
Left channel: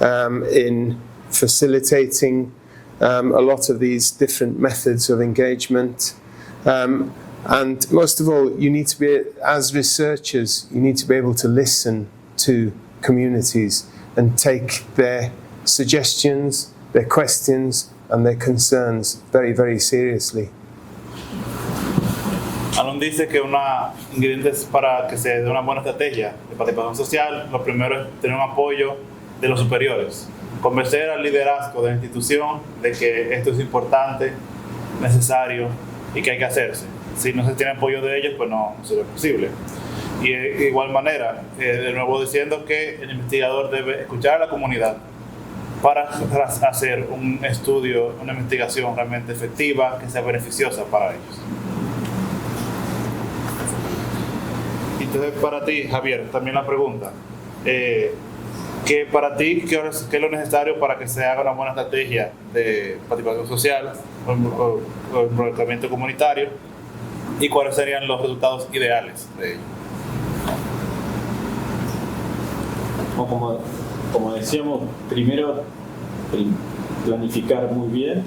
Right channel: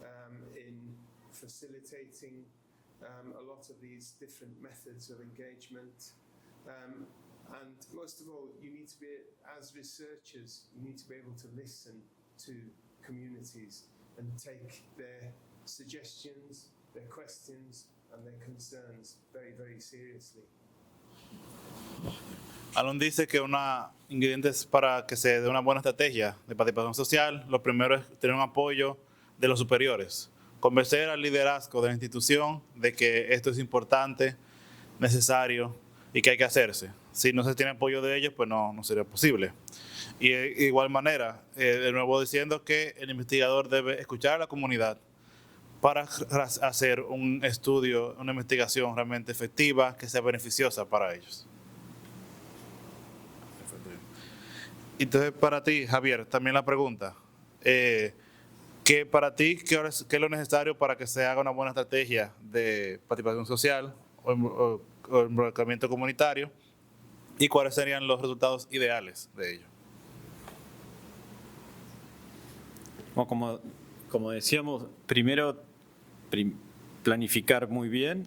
in facilitating a lot of these different methods of engagement. And most of all, you need to be, as researchers, you need to be able to listen to communities and take their suggestions, their questions, and their concerns very, very seriously. Alon dice que una ingredientes para que se dé una buena estrategia de participación social, lo primero es tener un apoyo de los superiores, convencer al liderazgo de la institución de que esto es importante, necesario y que hay que hacerse. Si no se tiene apoyo de ellos, pues no sería posible. Y de igual manera, de nuevo diciendo que el investigador debe escuchar a la comunidad para hacer un estudio, una investigación realmente efectiva, que sea beneficiosa para ellos. Entonces, para ti, Javier, también la pregunta, que para ti, ¿qué es lo necesario para que se haga una buena estrategia de participación social o involucramiento comunitario? ¿Y cuáles serían los resultados ideales de ello? Como decíamos, primero planificar muy bien,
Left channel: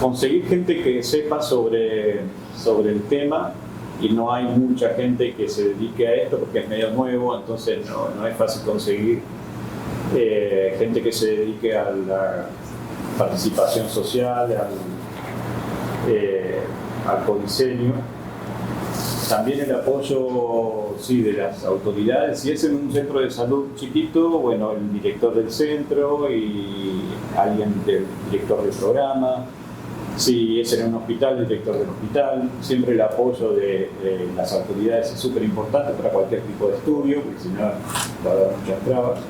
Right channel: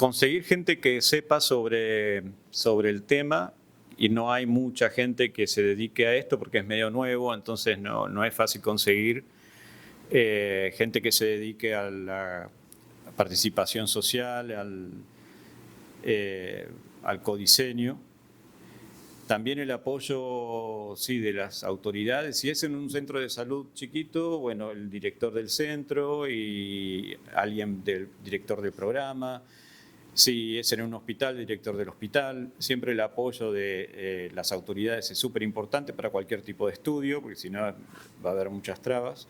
conseguir gente que sepa sobre el tema, y no hay mucha gente que se dedique a esto porque es medio nuevo, entonces no es fácil conseguir gente que se dedique a la participación social, al codiseño. También el apoyo, sí, de las autoridades. Si es en un centro de salud chiquito, bueno, el director del centro y alguien del director del programa. Si es en un hospital, el director del hospital. Siempre el apoyo de las autoridades es súper importante para cualquier tipo de estudio, porque si no va a dar muchas trabas.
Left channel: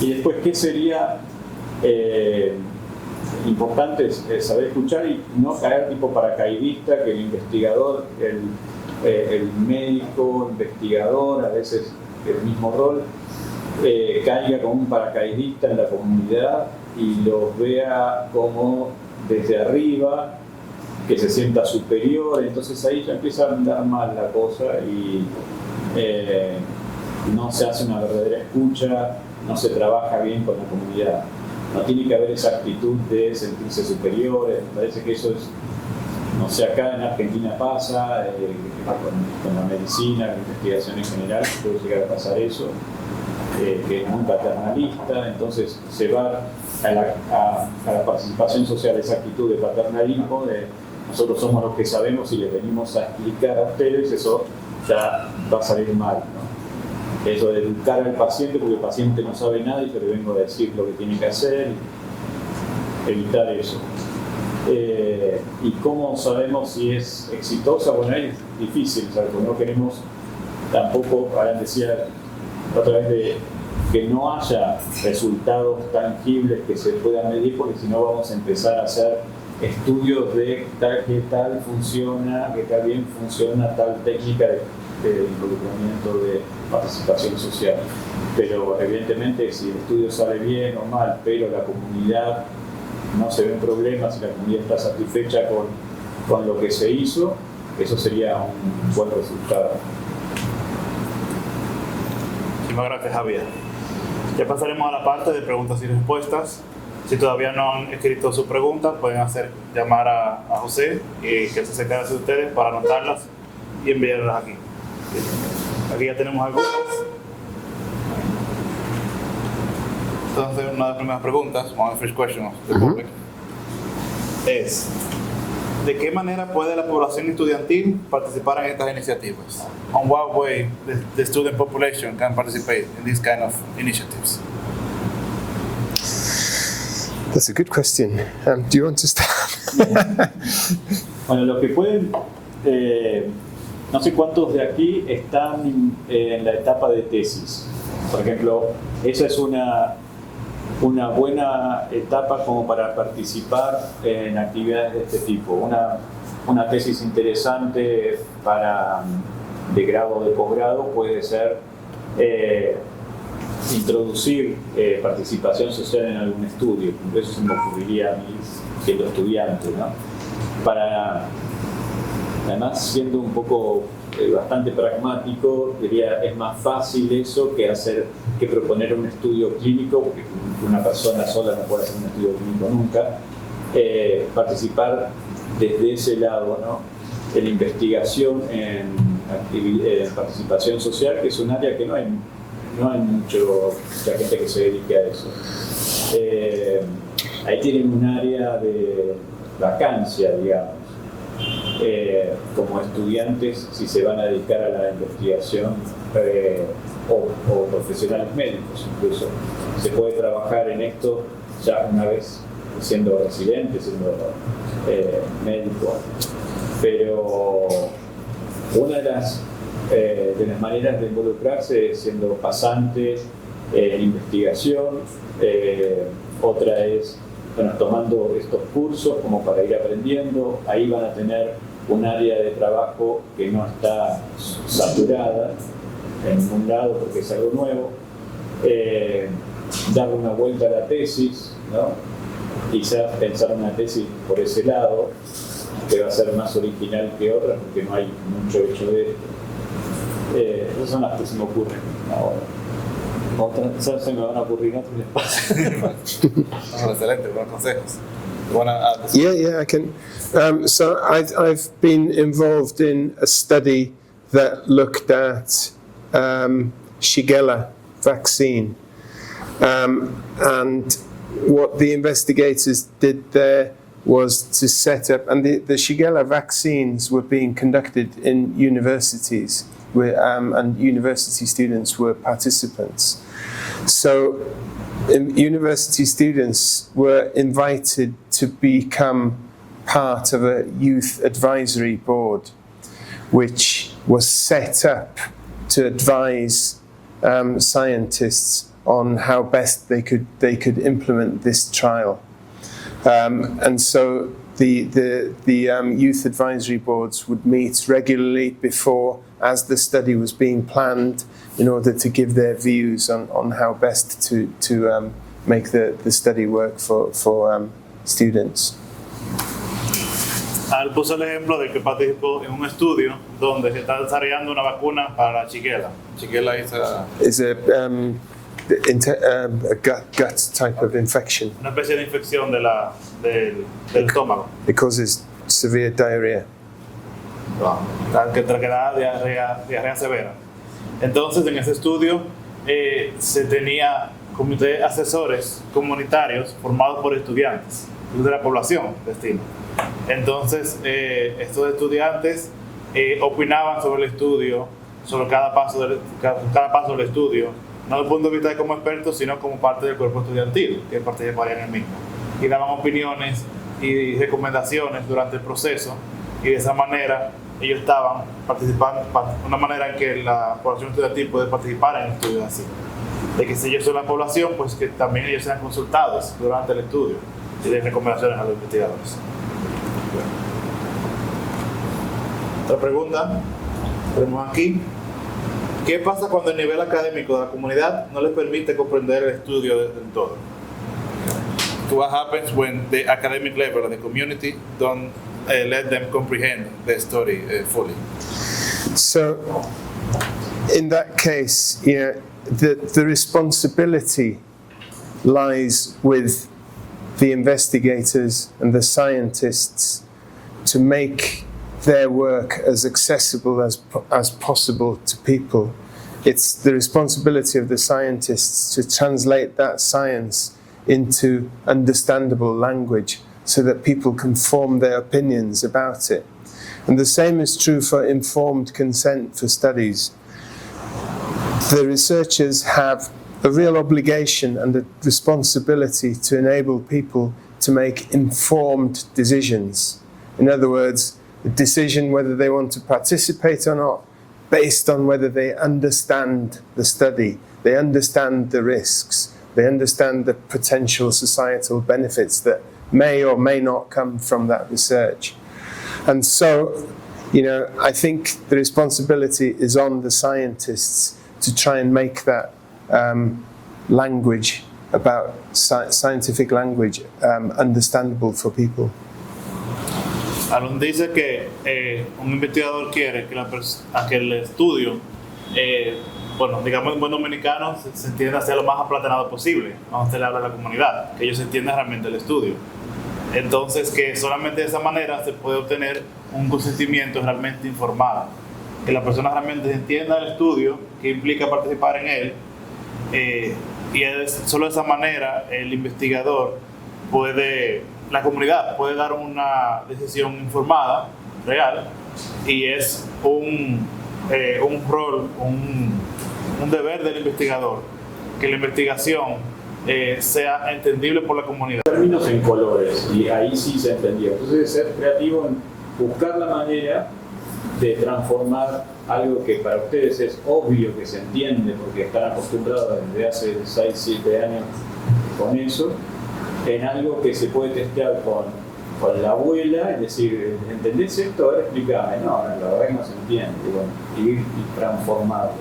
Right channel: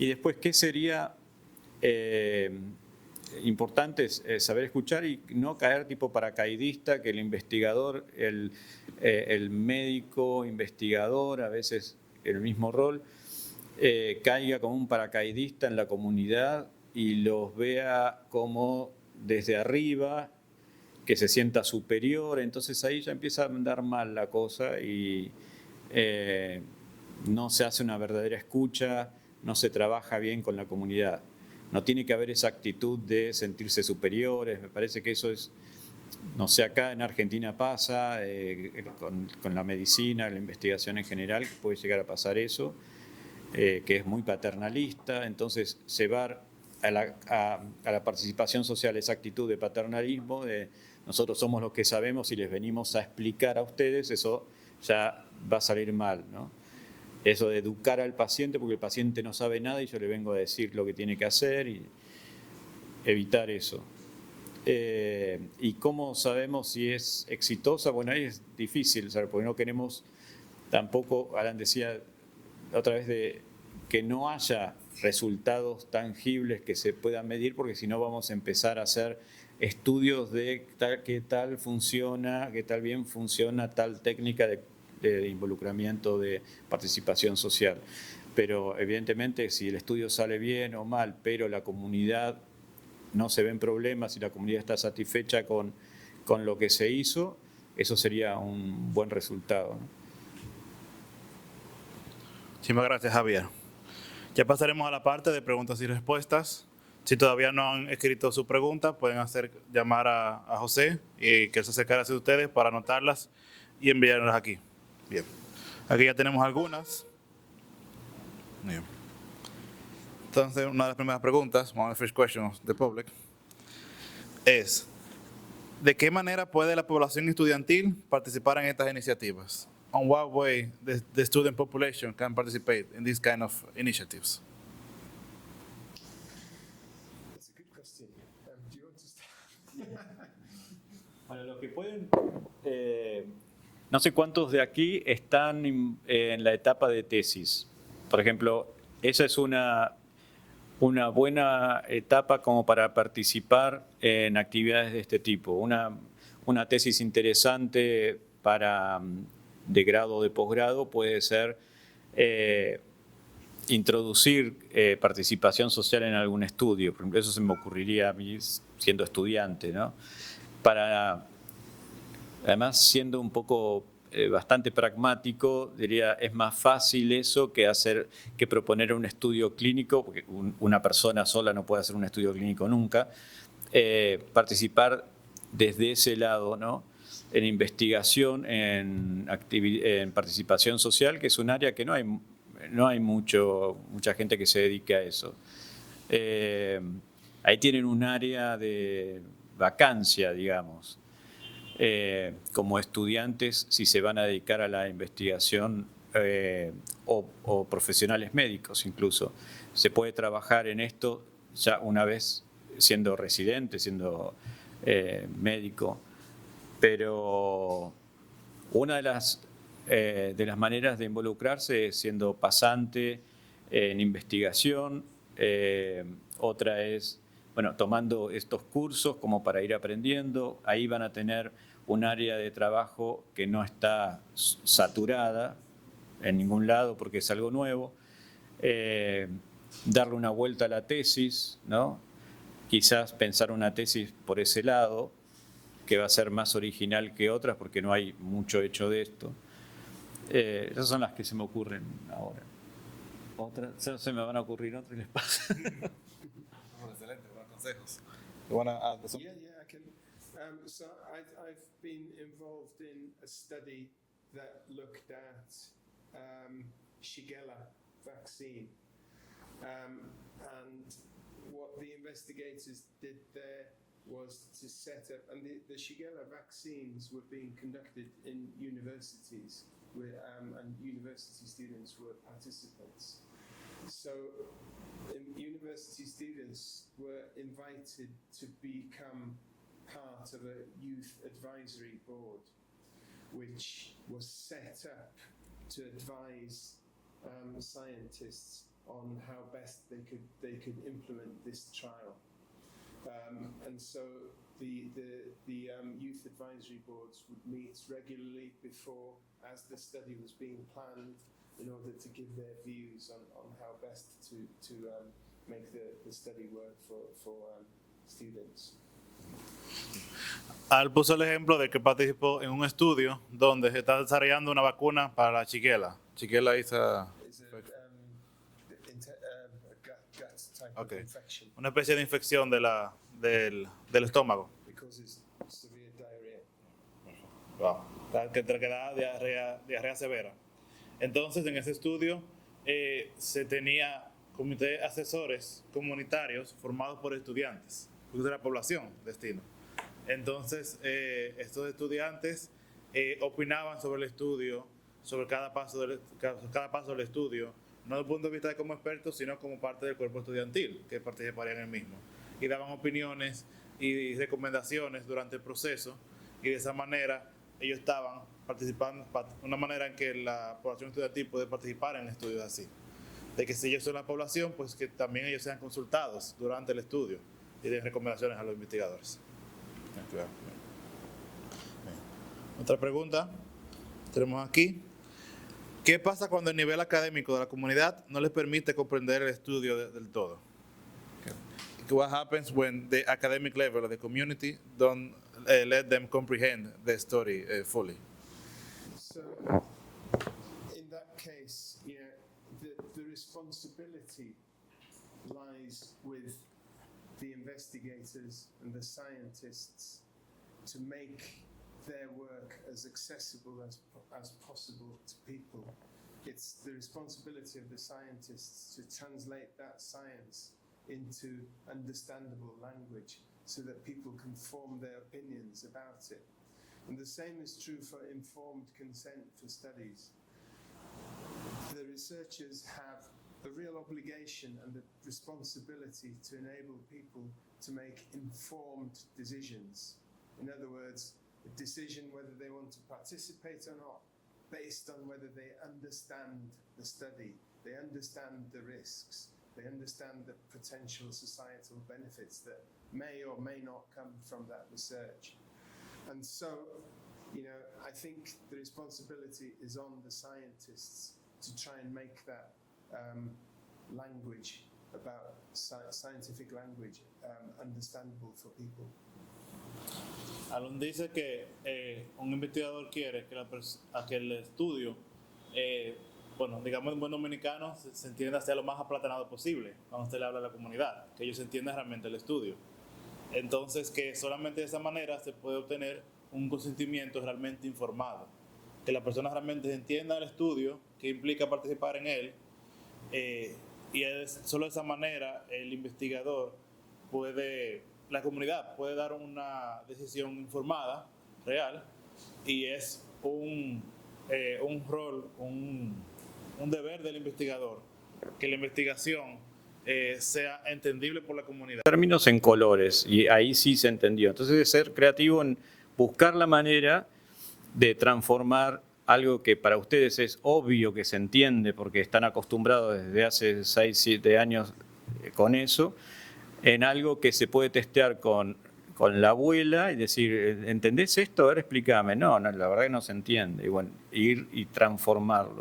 Y después, ¿qué sería importante? Es saber escuchar y no caer tipo paracaidista, que el investigador, el médico investigador, a veces el mismo rol, caiga como un paracaidista en la comunidad y los vea como desde arriba, que se sienta superior. Entonces ahí ya empieza a andar mal la cosa y no se hace una verdadera escucha, no se trabaja bien con la comunidad. No tiene que haber esa actitud de sentirse superiores. Me parece que eso es, no sé, acá en Argentina pasa, con la medicina, la investigación en general, puede llegar a pasar eso, que es muy paternalista. Entonces se va a la participación social esa actitud de paternalismo, de nosotros somos los que sabemos y les venimos a explicar a ustedes, eso ya va a salir mal, ¿no? Eso de educar al paciente, porque el paciente no sabe nada y yo le vengo a decir lo que tiene que hacer, evitar eso. ¿Y cómo sabemos si es exitosa? Bueno, ahí es difícil, ¿sabes? Porque no queremos tampoco, Alan decía otra vez, de que no haya resultados tangibles que se puedan medir, porque si no vamos a empezar a hacer estudios de qué tal funciona, qué tal bien funciona tal técnica de involucramiento, de participación social. Pero evidentemente si el estudio sale bien o mal, pero la comunidad no se ven problemas y la comunidad está satisfecha con lo que se hizo, eso sería un buen resultado. Muchísimas gracias, Javier. Ya pasaremos a la parte de preguntas y respuestas. Si todavía no han escrito su pregunta, pueden llamar a José, que se acercará hacia ustedes para anotarlas y enviarlas aquí. Aquí ya tenemos algunas. Entonces, una de las primeras preguntas, one of the first questions of the public, es: ¿de qué manera puede la población estudiantil participar en estas iniciativas? On what way the student population can participate in these kind of initiatives? That's a good question. Do you want to start? Bueno, los que pueden, no sé cuántos de aquí están en la etapa de tesis. Por ejemplo, esa es una buena etapa como para participar en actividades de este tipo. Una tesis interesante de grado o de posgrado puede ser introducir participación social en algún estudio. Eso se me ocurriría a mí siendo estudiante, ¿no? Además, siendo un poco bastante pragmático, diría, es más fácil eso que proponer un estudio clínico, porque una persona sola no puede hacer un estudio clínico nunca. Participar desde ese lado, ¿no? En investigación, en participación social, que es un área que no hay mucha gente que se dedique a eso. Ahí tienen un área de vacancia, digamos. Como estudiantes, si se van a dedicar a la investigación o profesionales médicos incluso, se puede trabajar en esto ya una vez siendo residente, siendo médico. Pero una de las maneras de involucrarse es siendo pasante en investigación. Otra es, bueno, tomando estos cursos como para ir aprendiendo. Ahí van a tener un área de trabajo que no está saturada en ningún lado porque es algo nuevo. Darle una vuelta a la tesis, ¿no? Quizás pensar una tesis por ese lado, que va a ser más original que otras porque no hay mucho hecho de esto. Esas son las que se me ocurren ahora. Otras se me van a ocurrir otras después. Excelente, buenos consejos. Yeah, I can. So I've been involved in a study that looked at Shigella vaccine, and what the investigators did there was to set up, and the Shigella vaccines were being conducted in universities, and university students were participants. So university students were invited to become part of a youth advisory board, which was set up to advise scientists on how best they could implement this trial. And so the youth advisory boards would meet regularly before, as the study was being planned, in order to give their views on how best to make the study work for students. Él puso el ejemplo de que participó en un estudio donde se está desarrollando una vacuna para la Shigella. Shigella is a gut type of infection. Una especie de infección del estómago. It causes severe diarrhea. Que da diarrea severa. Entonces, en ese estudio se tenía comité asesores comunitarios formados por estudiantes de la población destino. Entonces, estos estudiantes opinaban sobre el estudio, sobre cada paso del estudio, no desde el punto de vista como expertos, sino como parte del cuerpo estudiantil que participaría en el mismo. Y daban opiniones y recomendaciones durante el proceso, y de esa manera ellos estaban participando, una manera en que la población estudiantil puede participar en estudios así. De que si ellos son la población, pues que también ellos sean consultados durante el estudio y den recomendaciones a los investigadores. Otra pregunta tenemos aquí: ¿qué pasa cuando el nivel académico de la comunidad no les permite comprender el estudio del todo? What happens when the academic level of the community don't let them comprehend the study fully? So in that case, you know, the responsibility lies with the investigators and the scientists to make their work as accessible as possible to people. It's the responsibility of the scientists to translate that science into understandable language so that people can form their opinions about it. And the same is true for informed consent for studies. The researchers have a real obligation and a responsibility to enable people to make informed decisions. In other words, a decision whether they want to participate or not, based on whether they understand the study, they understand the risks, they understand the potential societal benefits that may or may not come from that research. And so, you know, I think the responsibility is on the scientists to try and make that language about scientific language understandable for people. Alon dice que un investigador quiere que el estudio, bueno, digamos en buen dominicano, se entienda sea lo más aplatanado posible. Vamos a hablar de la comunidad, que ellos entiendan realmente el estudio. Entonces, que solamente de esa manera se puede obtener un consentimiento realmente informado. Que la persona realmente entienda el estudio, que implica participar en él, y solo de esa manera el investigador la comunidad puede dar una decisión informada, real, y es un rol, un deber del investigador, que la investigación sea entendible por la comunidad. Términos en colores, y ahí sí se entendió. Entonces, de ser creativo en buscar la manera de transformar algo que para ustedes es obvio que se entiende porque están acostumbrados desde hace 6, 7 años con eso, en algo que se puede testear con la abuela y decir, ¿entendés esto? A ver, explícame. No, la verdad que no se entiende. Y bueno, ir y transformarlo.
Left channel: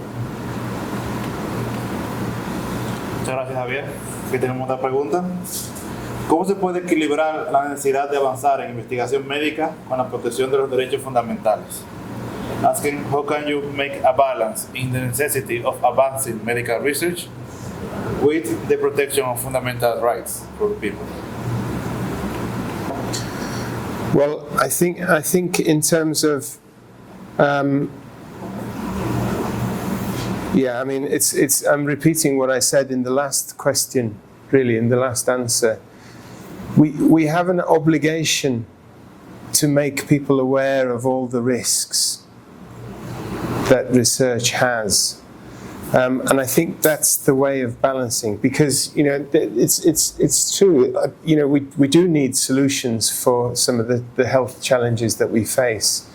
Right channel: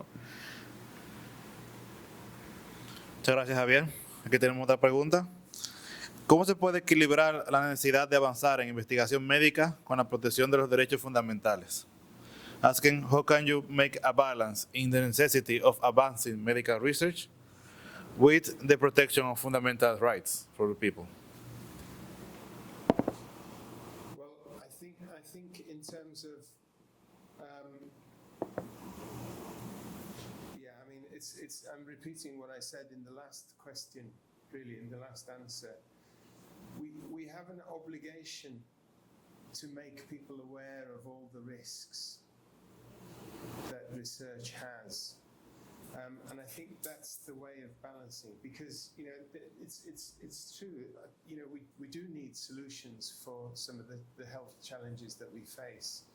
Muchas gracias, Javier. Aquí tenemos otra pregunta. ¿Cómo se puede equilibrar la necesidad de avanzar en investigación médica con la protección de los derechos fundamentales? Asking, how can you make a balance in the necessity of advancing medical research with the protection of fundamental rights for people? Well, I think in terms of, yeah, I mean, I'm repeating what I said in the last question, really, in the last answer. We have an obligation to make people aware of all the risks that research has. And I think that's the way of balancing, because, you know, it's true, you know, we do need solutions for some of the health challenges that we face.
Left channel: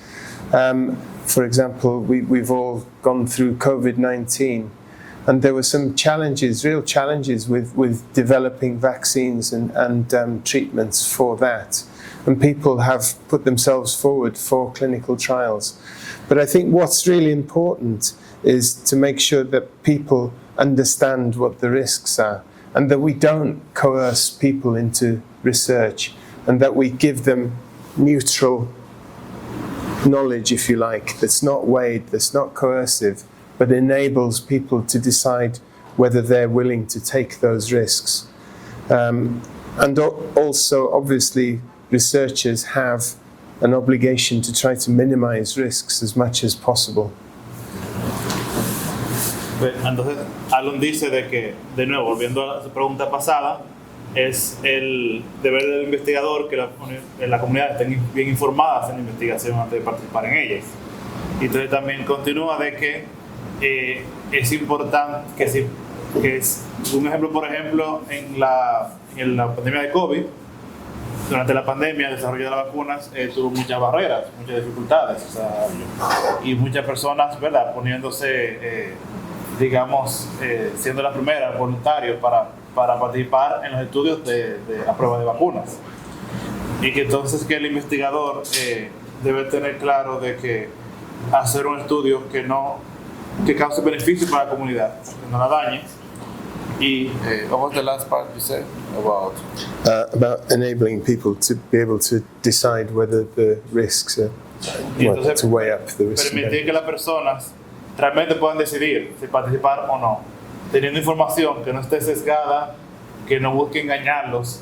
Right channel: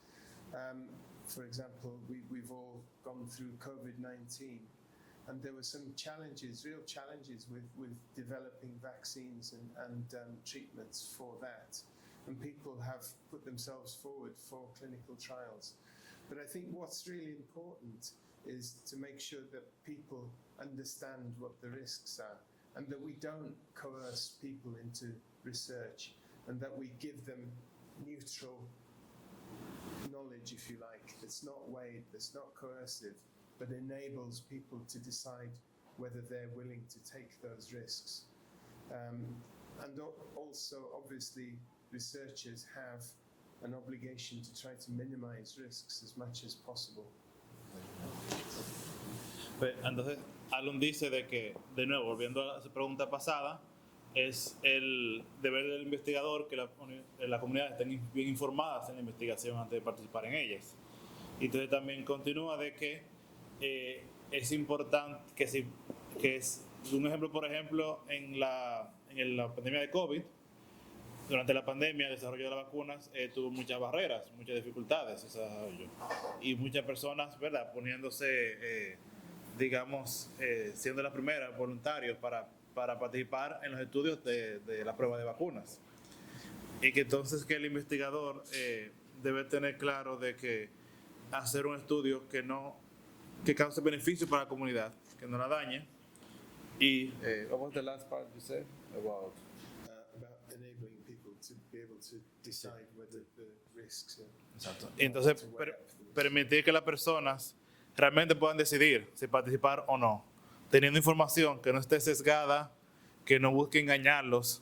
For example, we've all gone through COVID-19, and there were some challenges, real challenges with developing vaccines and treatments for that. And people have put themselves forward for clinical trials. But I think what's really important is to make sure that people understand what the risks are, and that we don't coerce people into research, and that we give them neutral knowledge, if you like, that's not weighed, that's not coercive, but enables people to decide whether they're willing to take those risks. And also, obviously, researchers have an obligation to try to minimize risks as much as possible. Entonces, Alon dice de que, de nuevo, volviendo a su pregunta pasada, es el deber del investigador que la comunidad estén bien informadas en la investigación antes de participar en ella. Y entonces también continúa de que es importante, que es un ejemplo, por ejemplo, en la pandemia de COVID. Durante la pandemia, el desarrollo de las vacunas tuvo muchas barreras, muchas dificultades, o sea, y muchas personas, ¿verdad?, poniéndose, digamos, siendo las primeras voluntarios para participar en los estudios de la prueba de vacunas. Y que entonces que el investigador debe tener claro de que hacer un estudio que cause beneficio para la comunidad, que no la dañe. Y what was the last part you said about enabling people to be able to decide whether the risks are, entonces, to weigh up the risks. Permitir que las personas realmente puedan decidir si participar o no, teniendo información que no esté sesgada, que no busque engañarlos,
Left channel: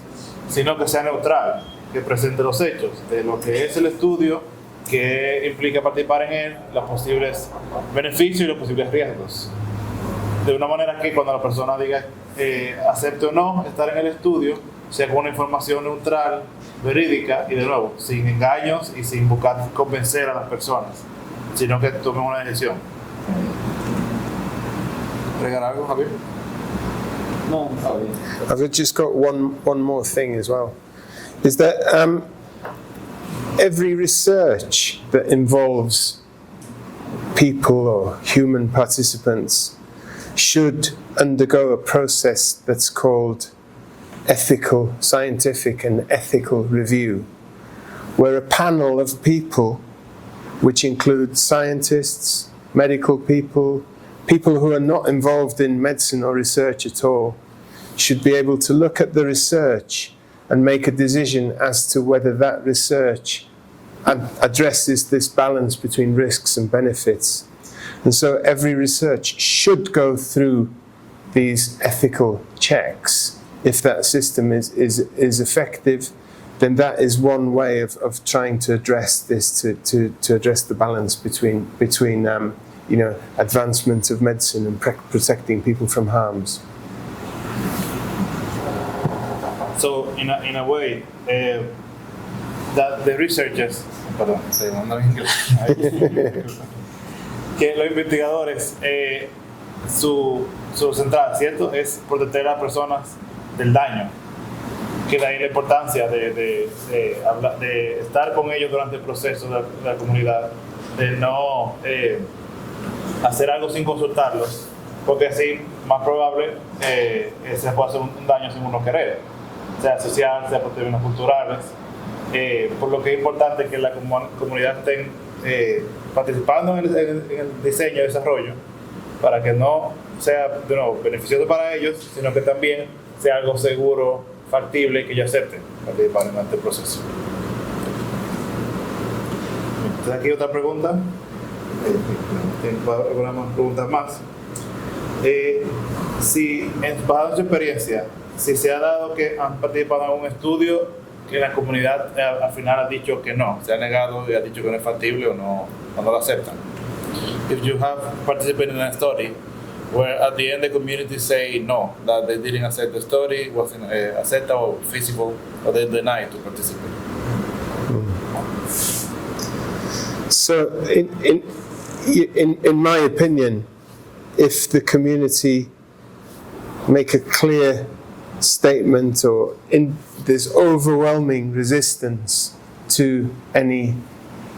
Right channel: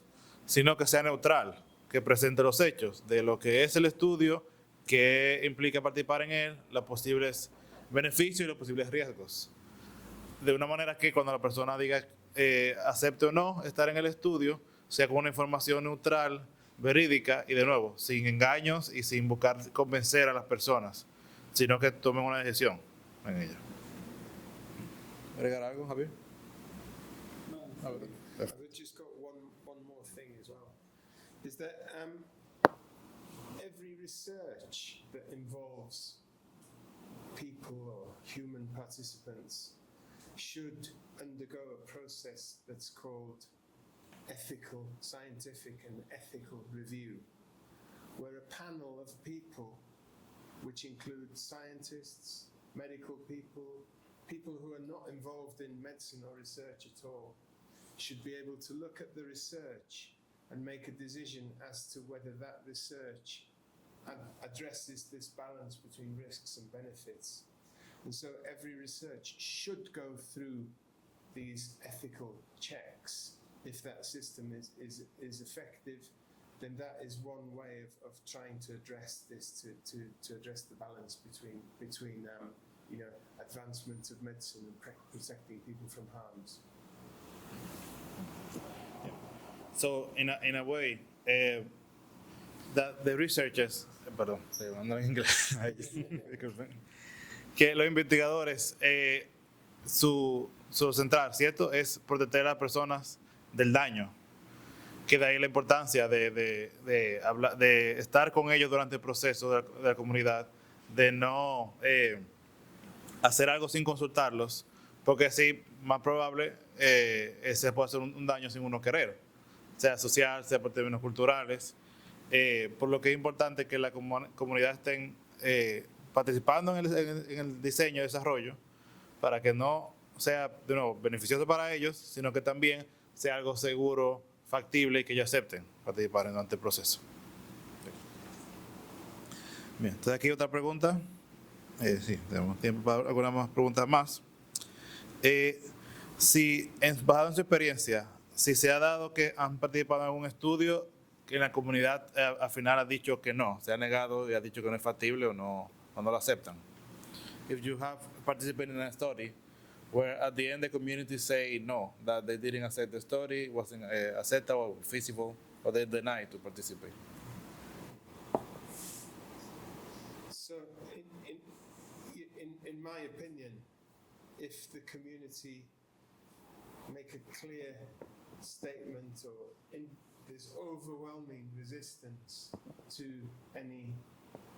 sino que sea neutral, que presente los hechos de lo que es el estudio, que implica participar en él, los posibles beneficios y los posibles riesgos. De una manera que cuando la persona diga acepte o no estar en el estudio, sea con una información neutral, verídica y de nuevo, sin engaños y sin buscar convencer a las personas, sino que tomen una decisión. ¿Agregar algo, Javier? No, Javier. I've just got one more thing as well. Is that every research that involves people or human participants should undergo a process that's called ethical, scientific and ethical review, where a panel of people, which includes scientists, medical people, people who are not involved in medicine or research at all, should be able to look at the research and make a decision as to whether that research addresses this balance between risks and benefits. And so every research should go through these ethical checks. If that system is effective, then that is one way of trying to address this, to address the balance between advancement of medicine and protecting people from harms. So in a way, that the researchers, perdón, estoy hablando en inglés, que los investigadores, su central, ¿cierto?, es proteger a las personas del daño, que de ahí la importancia de estar con ellos durante el proceso de la comunidad, de no hacer algo sin consultarlos, porque así más probable se puede hacer un daño sin uno querer, sea social, sea por términos culturales, por lo que es importante que la comunidad estén participando en el diseño y desarrollo, para que no sea de nuevo beneficioso para ellos, sino que también sea algo seguro, factible y que ellos acepten participar en este proceso. Entonces, aquí otra pregunta. Tengo algunas preguntas más. Si, basado en su experiencia, si se ha dado que han participado en algún estudio que la comunidad al final ha dicho que no, se ha negado y ha dicho que no es factible o no lo aceptan. If you have participated in a study where at the end the community say no, that they didn't accept the study, wasn't acceptable or feasible, or they denied to participate. So, in my opinion, if the community make a clear statement or there's overwhelming resistance to any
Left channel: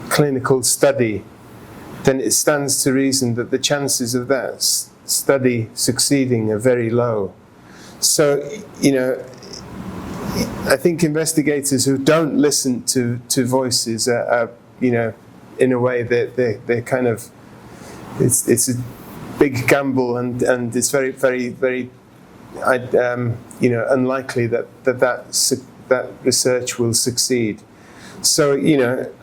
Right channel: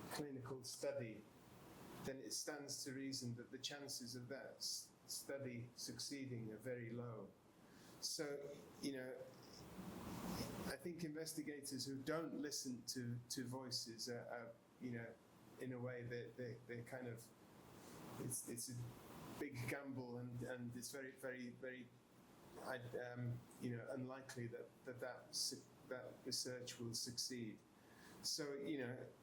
clinical study, then it stands to reason that the chances of that study succeeding are very low. So, I think investigators who don't listen to voices are in a way they're kind of, it's a big gamble and it's very, very, very unlikely that research will succeed. So,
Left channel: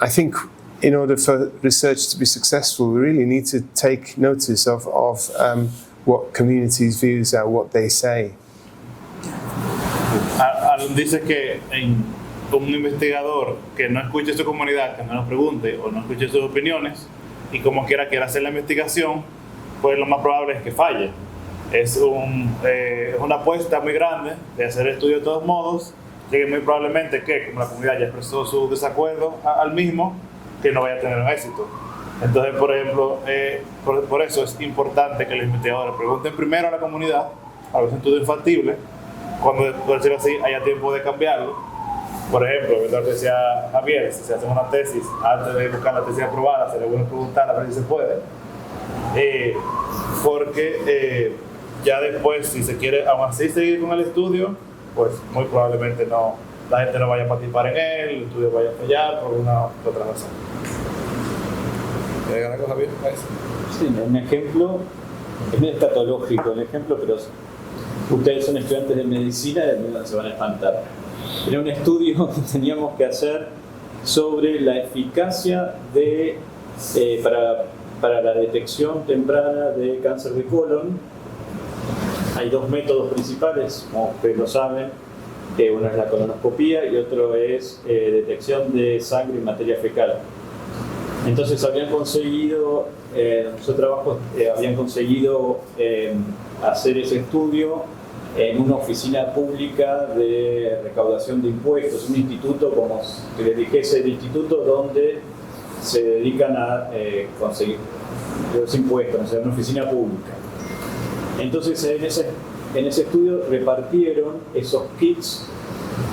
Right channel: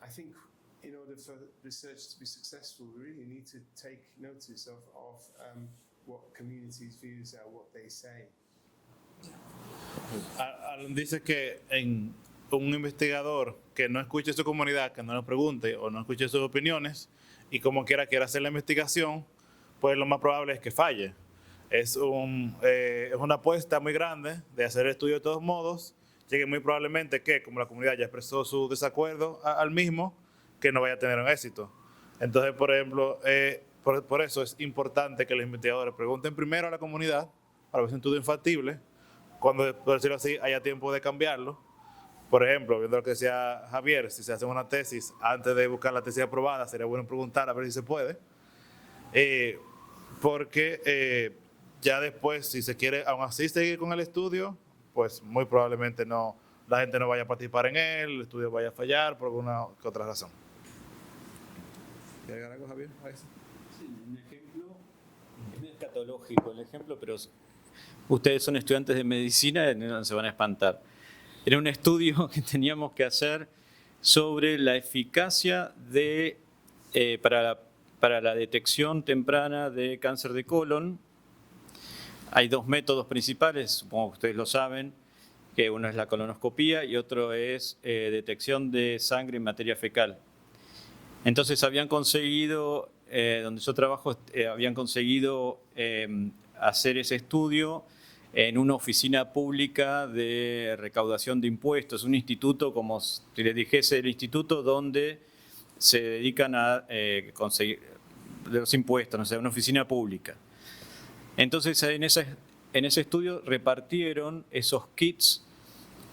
I think in order for research to be successful, we really need to take notice of what communities' views are, what they say. Alan dice que un investigador que no escuche su comunidad, que no nos pregunte o no escuche sus opiniones y como quiera hacer la investigación, pues lo más probable es que falle. Es una apuesta muy grande de hacer el estudio de todos modos, llegue muy probablemente que, como la comunidad ya expresó su desacuerdo al mismo, que no vaya a tener un éxito. Entonces, por ejemplo, por eso es importante que los investigadores pregunten primero a la comunidad, a los estudios factibles, cuando, por decirlo así, haya tiempo de cambiarlo. Por ejemplo, lo que decía Javier, si se hace una tesis, antes de buscar la tesis aprobada, sería bueno preguntar a ver si se puede. Porque ya después, si se quiere aún así seguir con el estudio, pues muy probablemente la gente no vaya a participar en él, el estudio vaya a fallar por una u otra razón. ¿Quieres agregar algo, Javier? Sí, un ejemplo, es medio patológico el ejemplo, pero ustedes son estudiantes de medicina y se van a espantar. Era un estudio que teníamos que hacer sobre la eficacia para para la detección temprana de cáncer de colon. Hay dos métodos principales, como ustedes lo saben. Uno es la colonoscopía y otro es detección de sangre y materia fecal. Entonces habían conseguido, donde yo trabajo, habían conseguido hacer ese estudio en una oficina pública de recaudación de impuestos, un instituto, como si les dijese, el instituto donde se dedican a conseguir los impuestos, o sea, una oficina pública. Entonces en ese estudio repartieron esos kits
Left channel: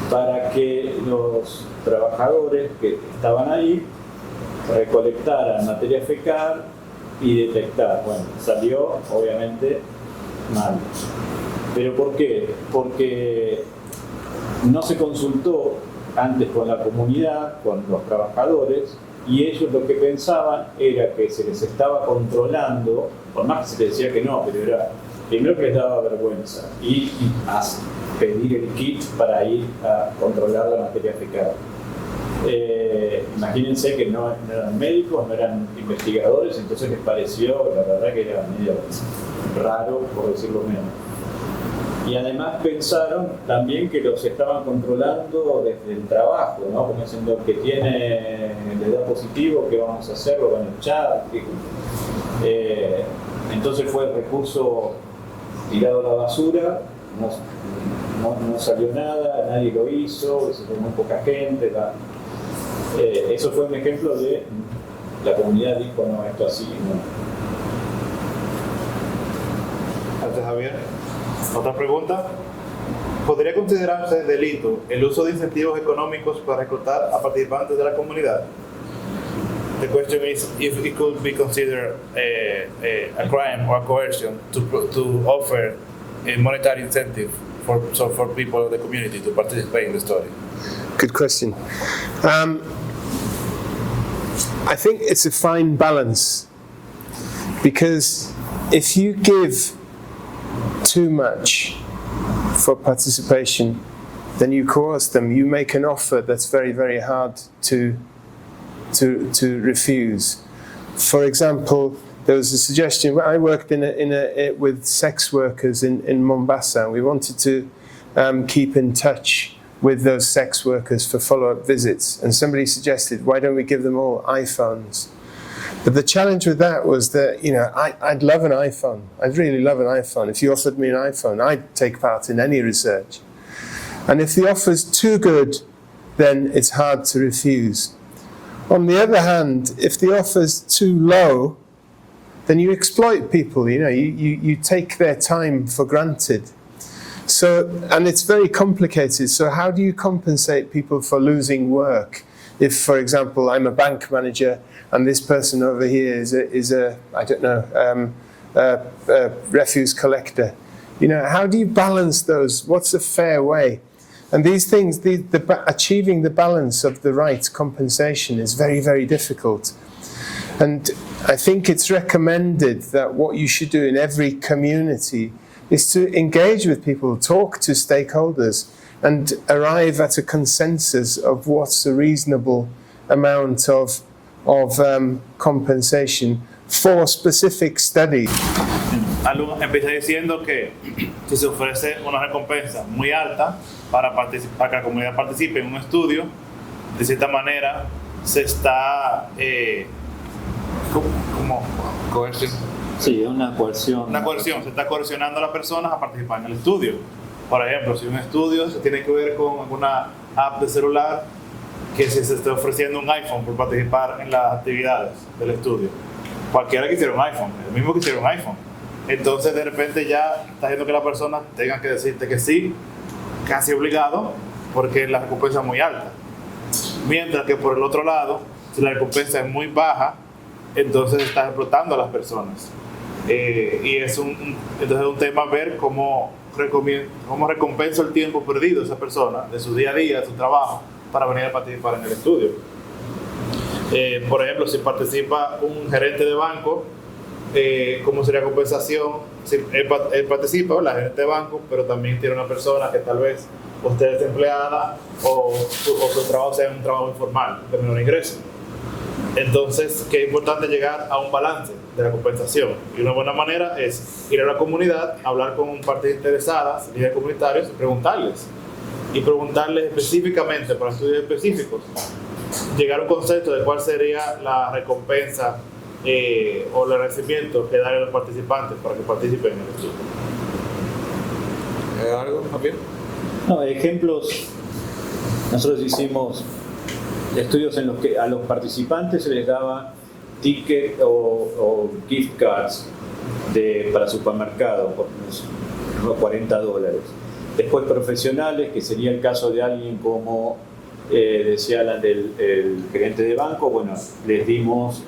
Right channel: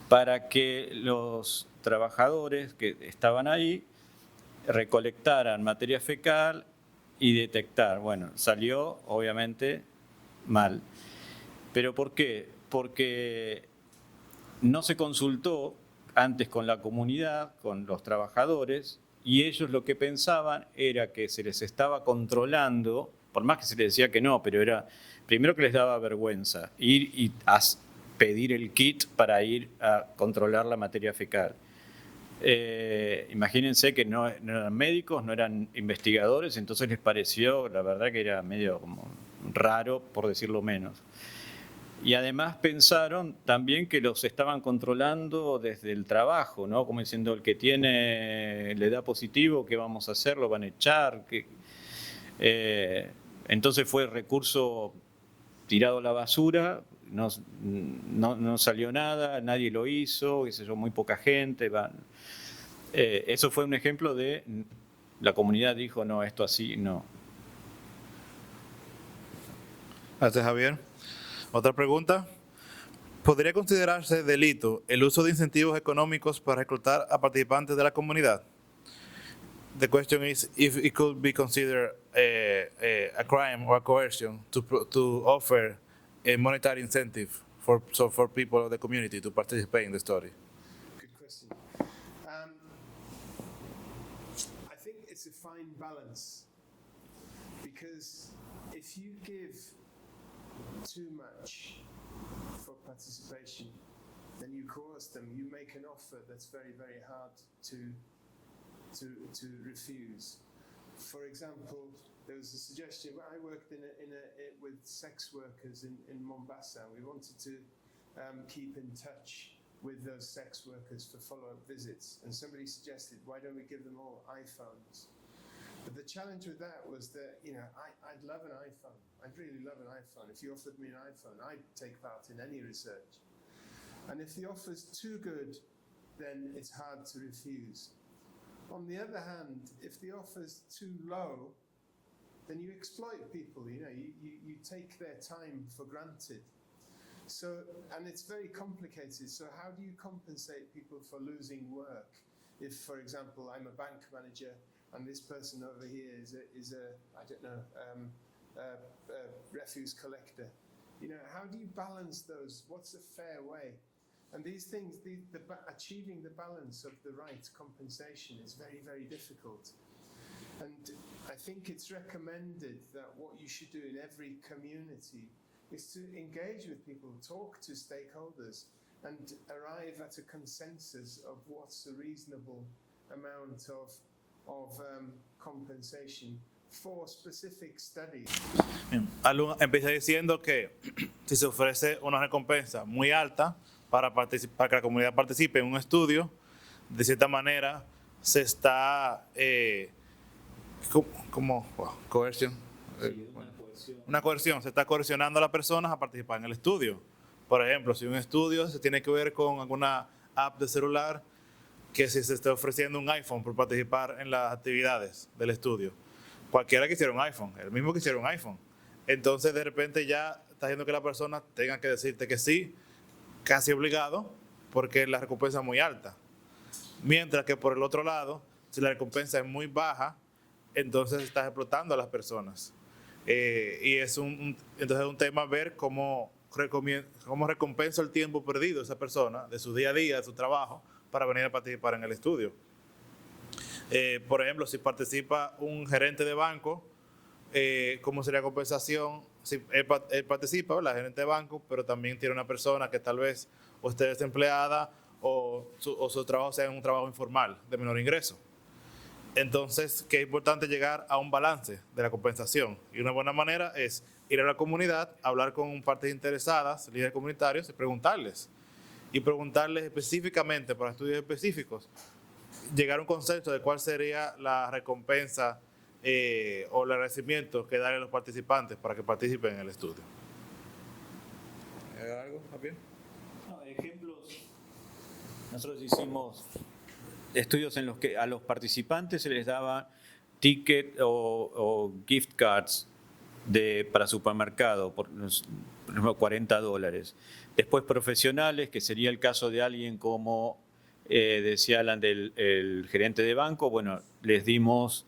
para que los trabajadores que estaban ahí recolectaran materia fecal y detectar. Bueno, salió obviamente mal. ¿Pero por qué? Porque no se consultó antes con la comunidad, con los trabajadores, y ellos lo que pensaban era que se les estaba controlando, por más que se les decía que no, pero era primero que les daba vergüenza y a pedir el kit para ir a controlar la materia fecal. Imagínense que no eran médicos, no eran investigadores, entonces les pareció, la verdad, que era medio raro, por decirlo menos. Y además pensaron también que los estaban controlando desde el trabajo, ¿no? Como diciendo, el que le da positivo, ¿qué vamos a hacer? ¿Lo van a echar? Entonces fue el recurso tirado a la basura, no salió nada, nadie lo hizo, muy poca gente. Eso fue un ejemplo de la comunidad dijo, no, esto así no. Gracias, Javier. Otra pregunta. ¿Podría considerarse delito el uso de incentivos económicos para reclutar a participantes de la comunidad? The question is if it could be considered a crime or a coercion to offer a monetary incentive for people of the community to participate in the study. Good question. I think it's a fine balance, because if you give too much for participation, then you coerce them. You make an offer that's very, very hard to refuse. For example, there was a suggestion. I worked with sex workers in Mombasa. We wanted to keep in touch with those sex workers for follow-up visits, and somebody suggested, why don't we give them all iPhones? But the challenge with that was that, I'd love an iPhone. I'd really love an iPhone. If you offered me an iPhone, I'd take part in any research. And if the offer's too good, then it's hard to refuse. On the other hand, if the offer's too low, then you exploit people, you take their time for granted. So, and it's very complicated. So how do you compensate people for losing work? If, for example, I'm a bank manager and this person over here is a refuse collector, how do you balance those? What's a fair way? And these things, achieving the balance of the right compensation is very, very difficult. And I think it's recommended that what you should do in every community is to engage with people, talk to stakeholders, and arrive at a consensus of what's a reasonable amount of compensation for specific studies. Empecé diciendo que si se ofrece una recompensa muy alta para que la comunidad participe en un estudio, de cierta manera se está como coerción. Sí, una coerción. Una coerción, se está coercionando a las personas a participar en el estudio. Por ejemplo, si un estudio se tiene que ver con alguna app de celular, que si se está ofreciendo un iPhone por participar en las actividades del estudio. Cualquiera quisiera un iPhone, el mismo quisiera un iPhone. Entonces de repente ya está haciendo que la persona tenga que decirte que sí, casi obligado, porque la recompensa es muy alta. Mientras que por el otro lado, si la recompensa es muy baja, entonces estás explotando a las personas. Y entonces es un tema ver cómo recompensa el tiempo perdido de esa persona, de su día a día, de su trabajo, para venir a participar en el estudio. Por ejemplo, si participa un gerente de banco, ¿cómo sería compensación? Si él participa, la gerente de banco, pero también tiene una persona que tal vez usted es empleada o su trabajo sea un trabajo informal de menor ingreso. Entonces, que es importante llegar a un balance de la compensación. Y una buena manera es ir a la comunidad, hablar con partes interesadas, líderes comunitarios, y preguntarles específicamente, para estudios específicos, llegar a un concepto de cuál sería la recompensa o el agradecimiento que darle a los participantes para que participen en el estudio. ¿Algo, Javier? No, ejemplos. Nosotros hicimos estudios en los que a los participantes se les daba ticket o gift cards para supermercado por unos $40. Después profesionales, que sería el caso de alguien como decía Alan, el gerente de banco, bueno, les dimos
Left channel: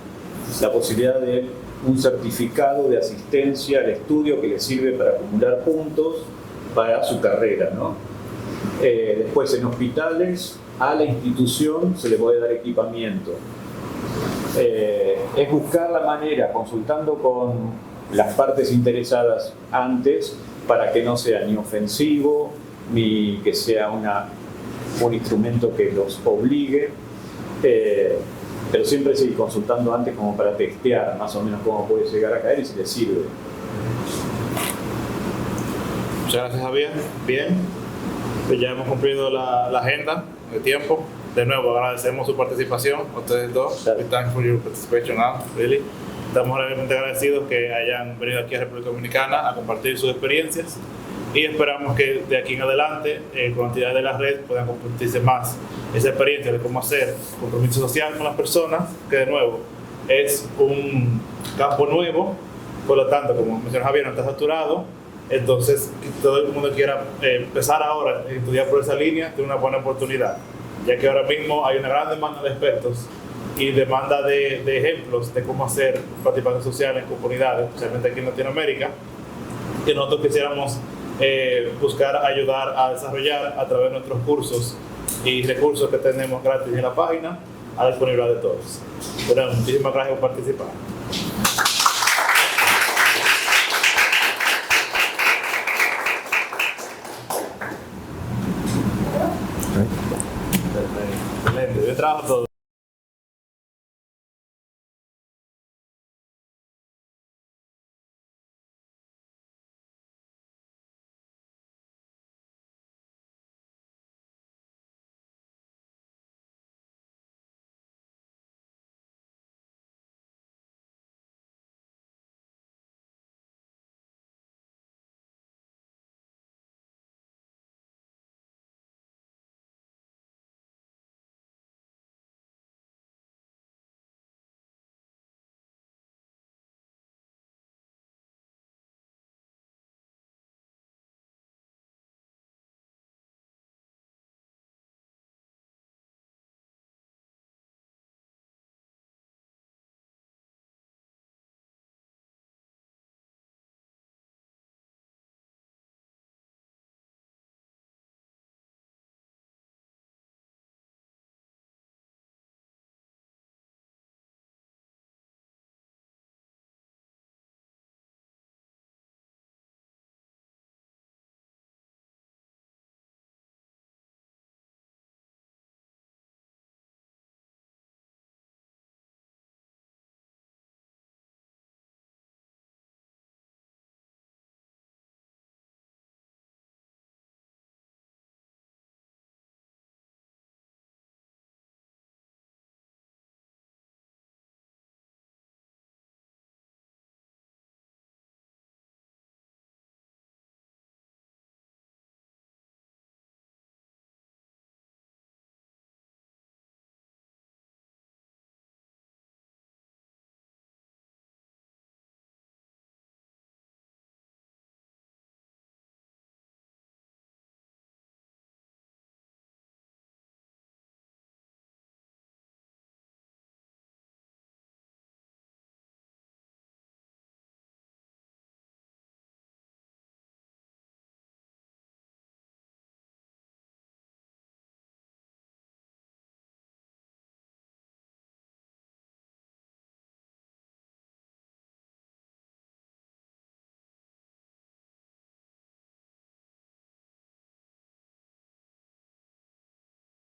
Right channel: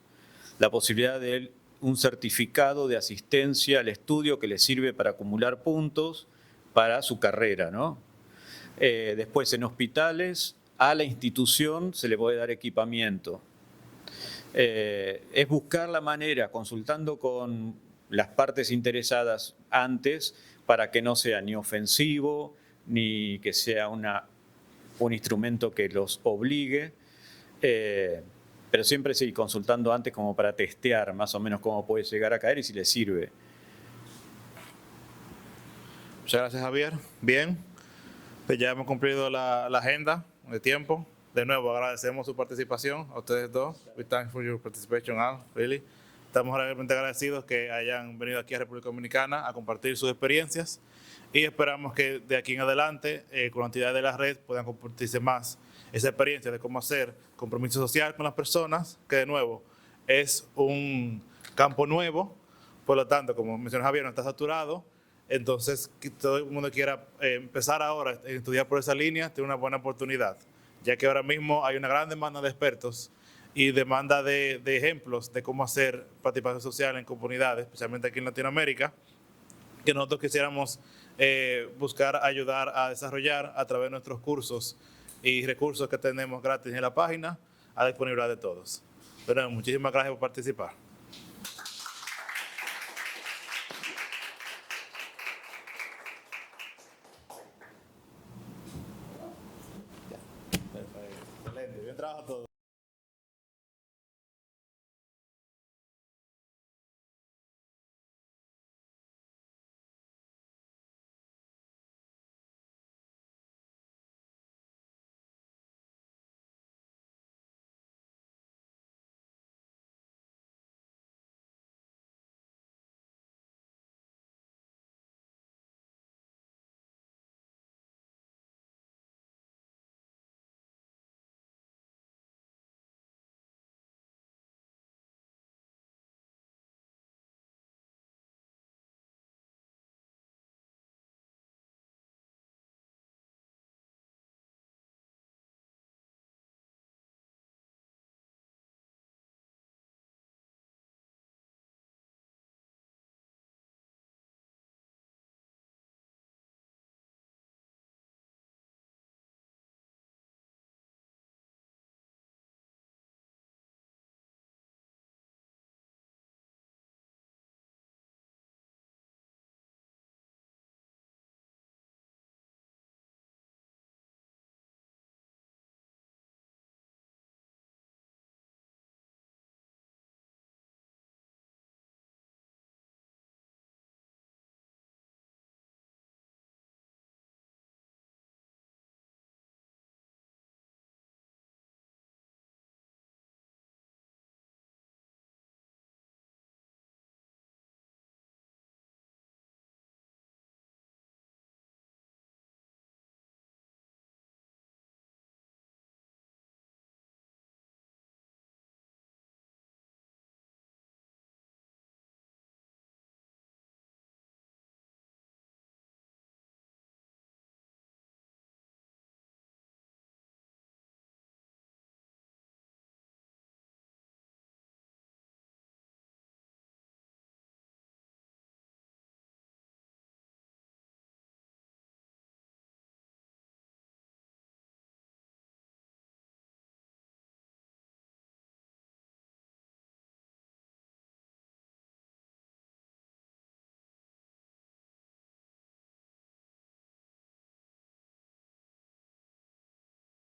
la posibilidad de un certificado de asistencia al estudio que les sirve para acumular puntos para su carrera, ¿no? Después en hospitales, a la institución se le puede dar equipamiento. Es buscar la manera, consultando con las partes interesadas antes, para que no sea ni ofensivo, ni que sea un instrumento que los obligue, pero siempre seguir consultando antes como para testear más o menos cómo puede llegar a caer y si les sirve. Muchas gracias, Javier. Bien, ya hemos cumplido la agenda de tiempo. De nuevo, agradecemos su participación, ustedes dos. We thank for your participation now, really. Estamos realmente agradecidos que hayan venido aquí a República Dominicana a compartir sus experiencias y esperamos que de aquí en adelante, con la actividad de la red, puedan compartirse más esa experiencia de cómo hacer compromiso social con las personas, que de nuevo es un campo nuevo, por lo tanto, como mencionó Javier, no está saturado. Entonces, que todo el mundo quiera empezar ahora a estudiar por esa línea, tiene una buena oportunidad, ya que ahora mismo hay una gran demanda de expertos y demanda de ejemplos de cómo hacer participación social en comunidades, especialmente aquí en Latinoamérica, que nosotros quisiéramos buscar ayudar a desarrollar a través de nuestros cursos y recursos que tenemos gratis en la página a la disponibilidad de todos. Pero muchísimas gracias por participar. Excelente, yo trabajo todo.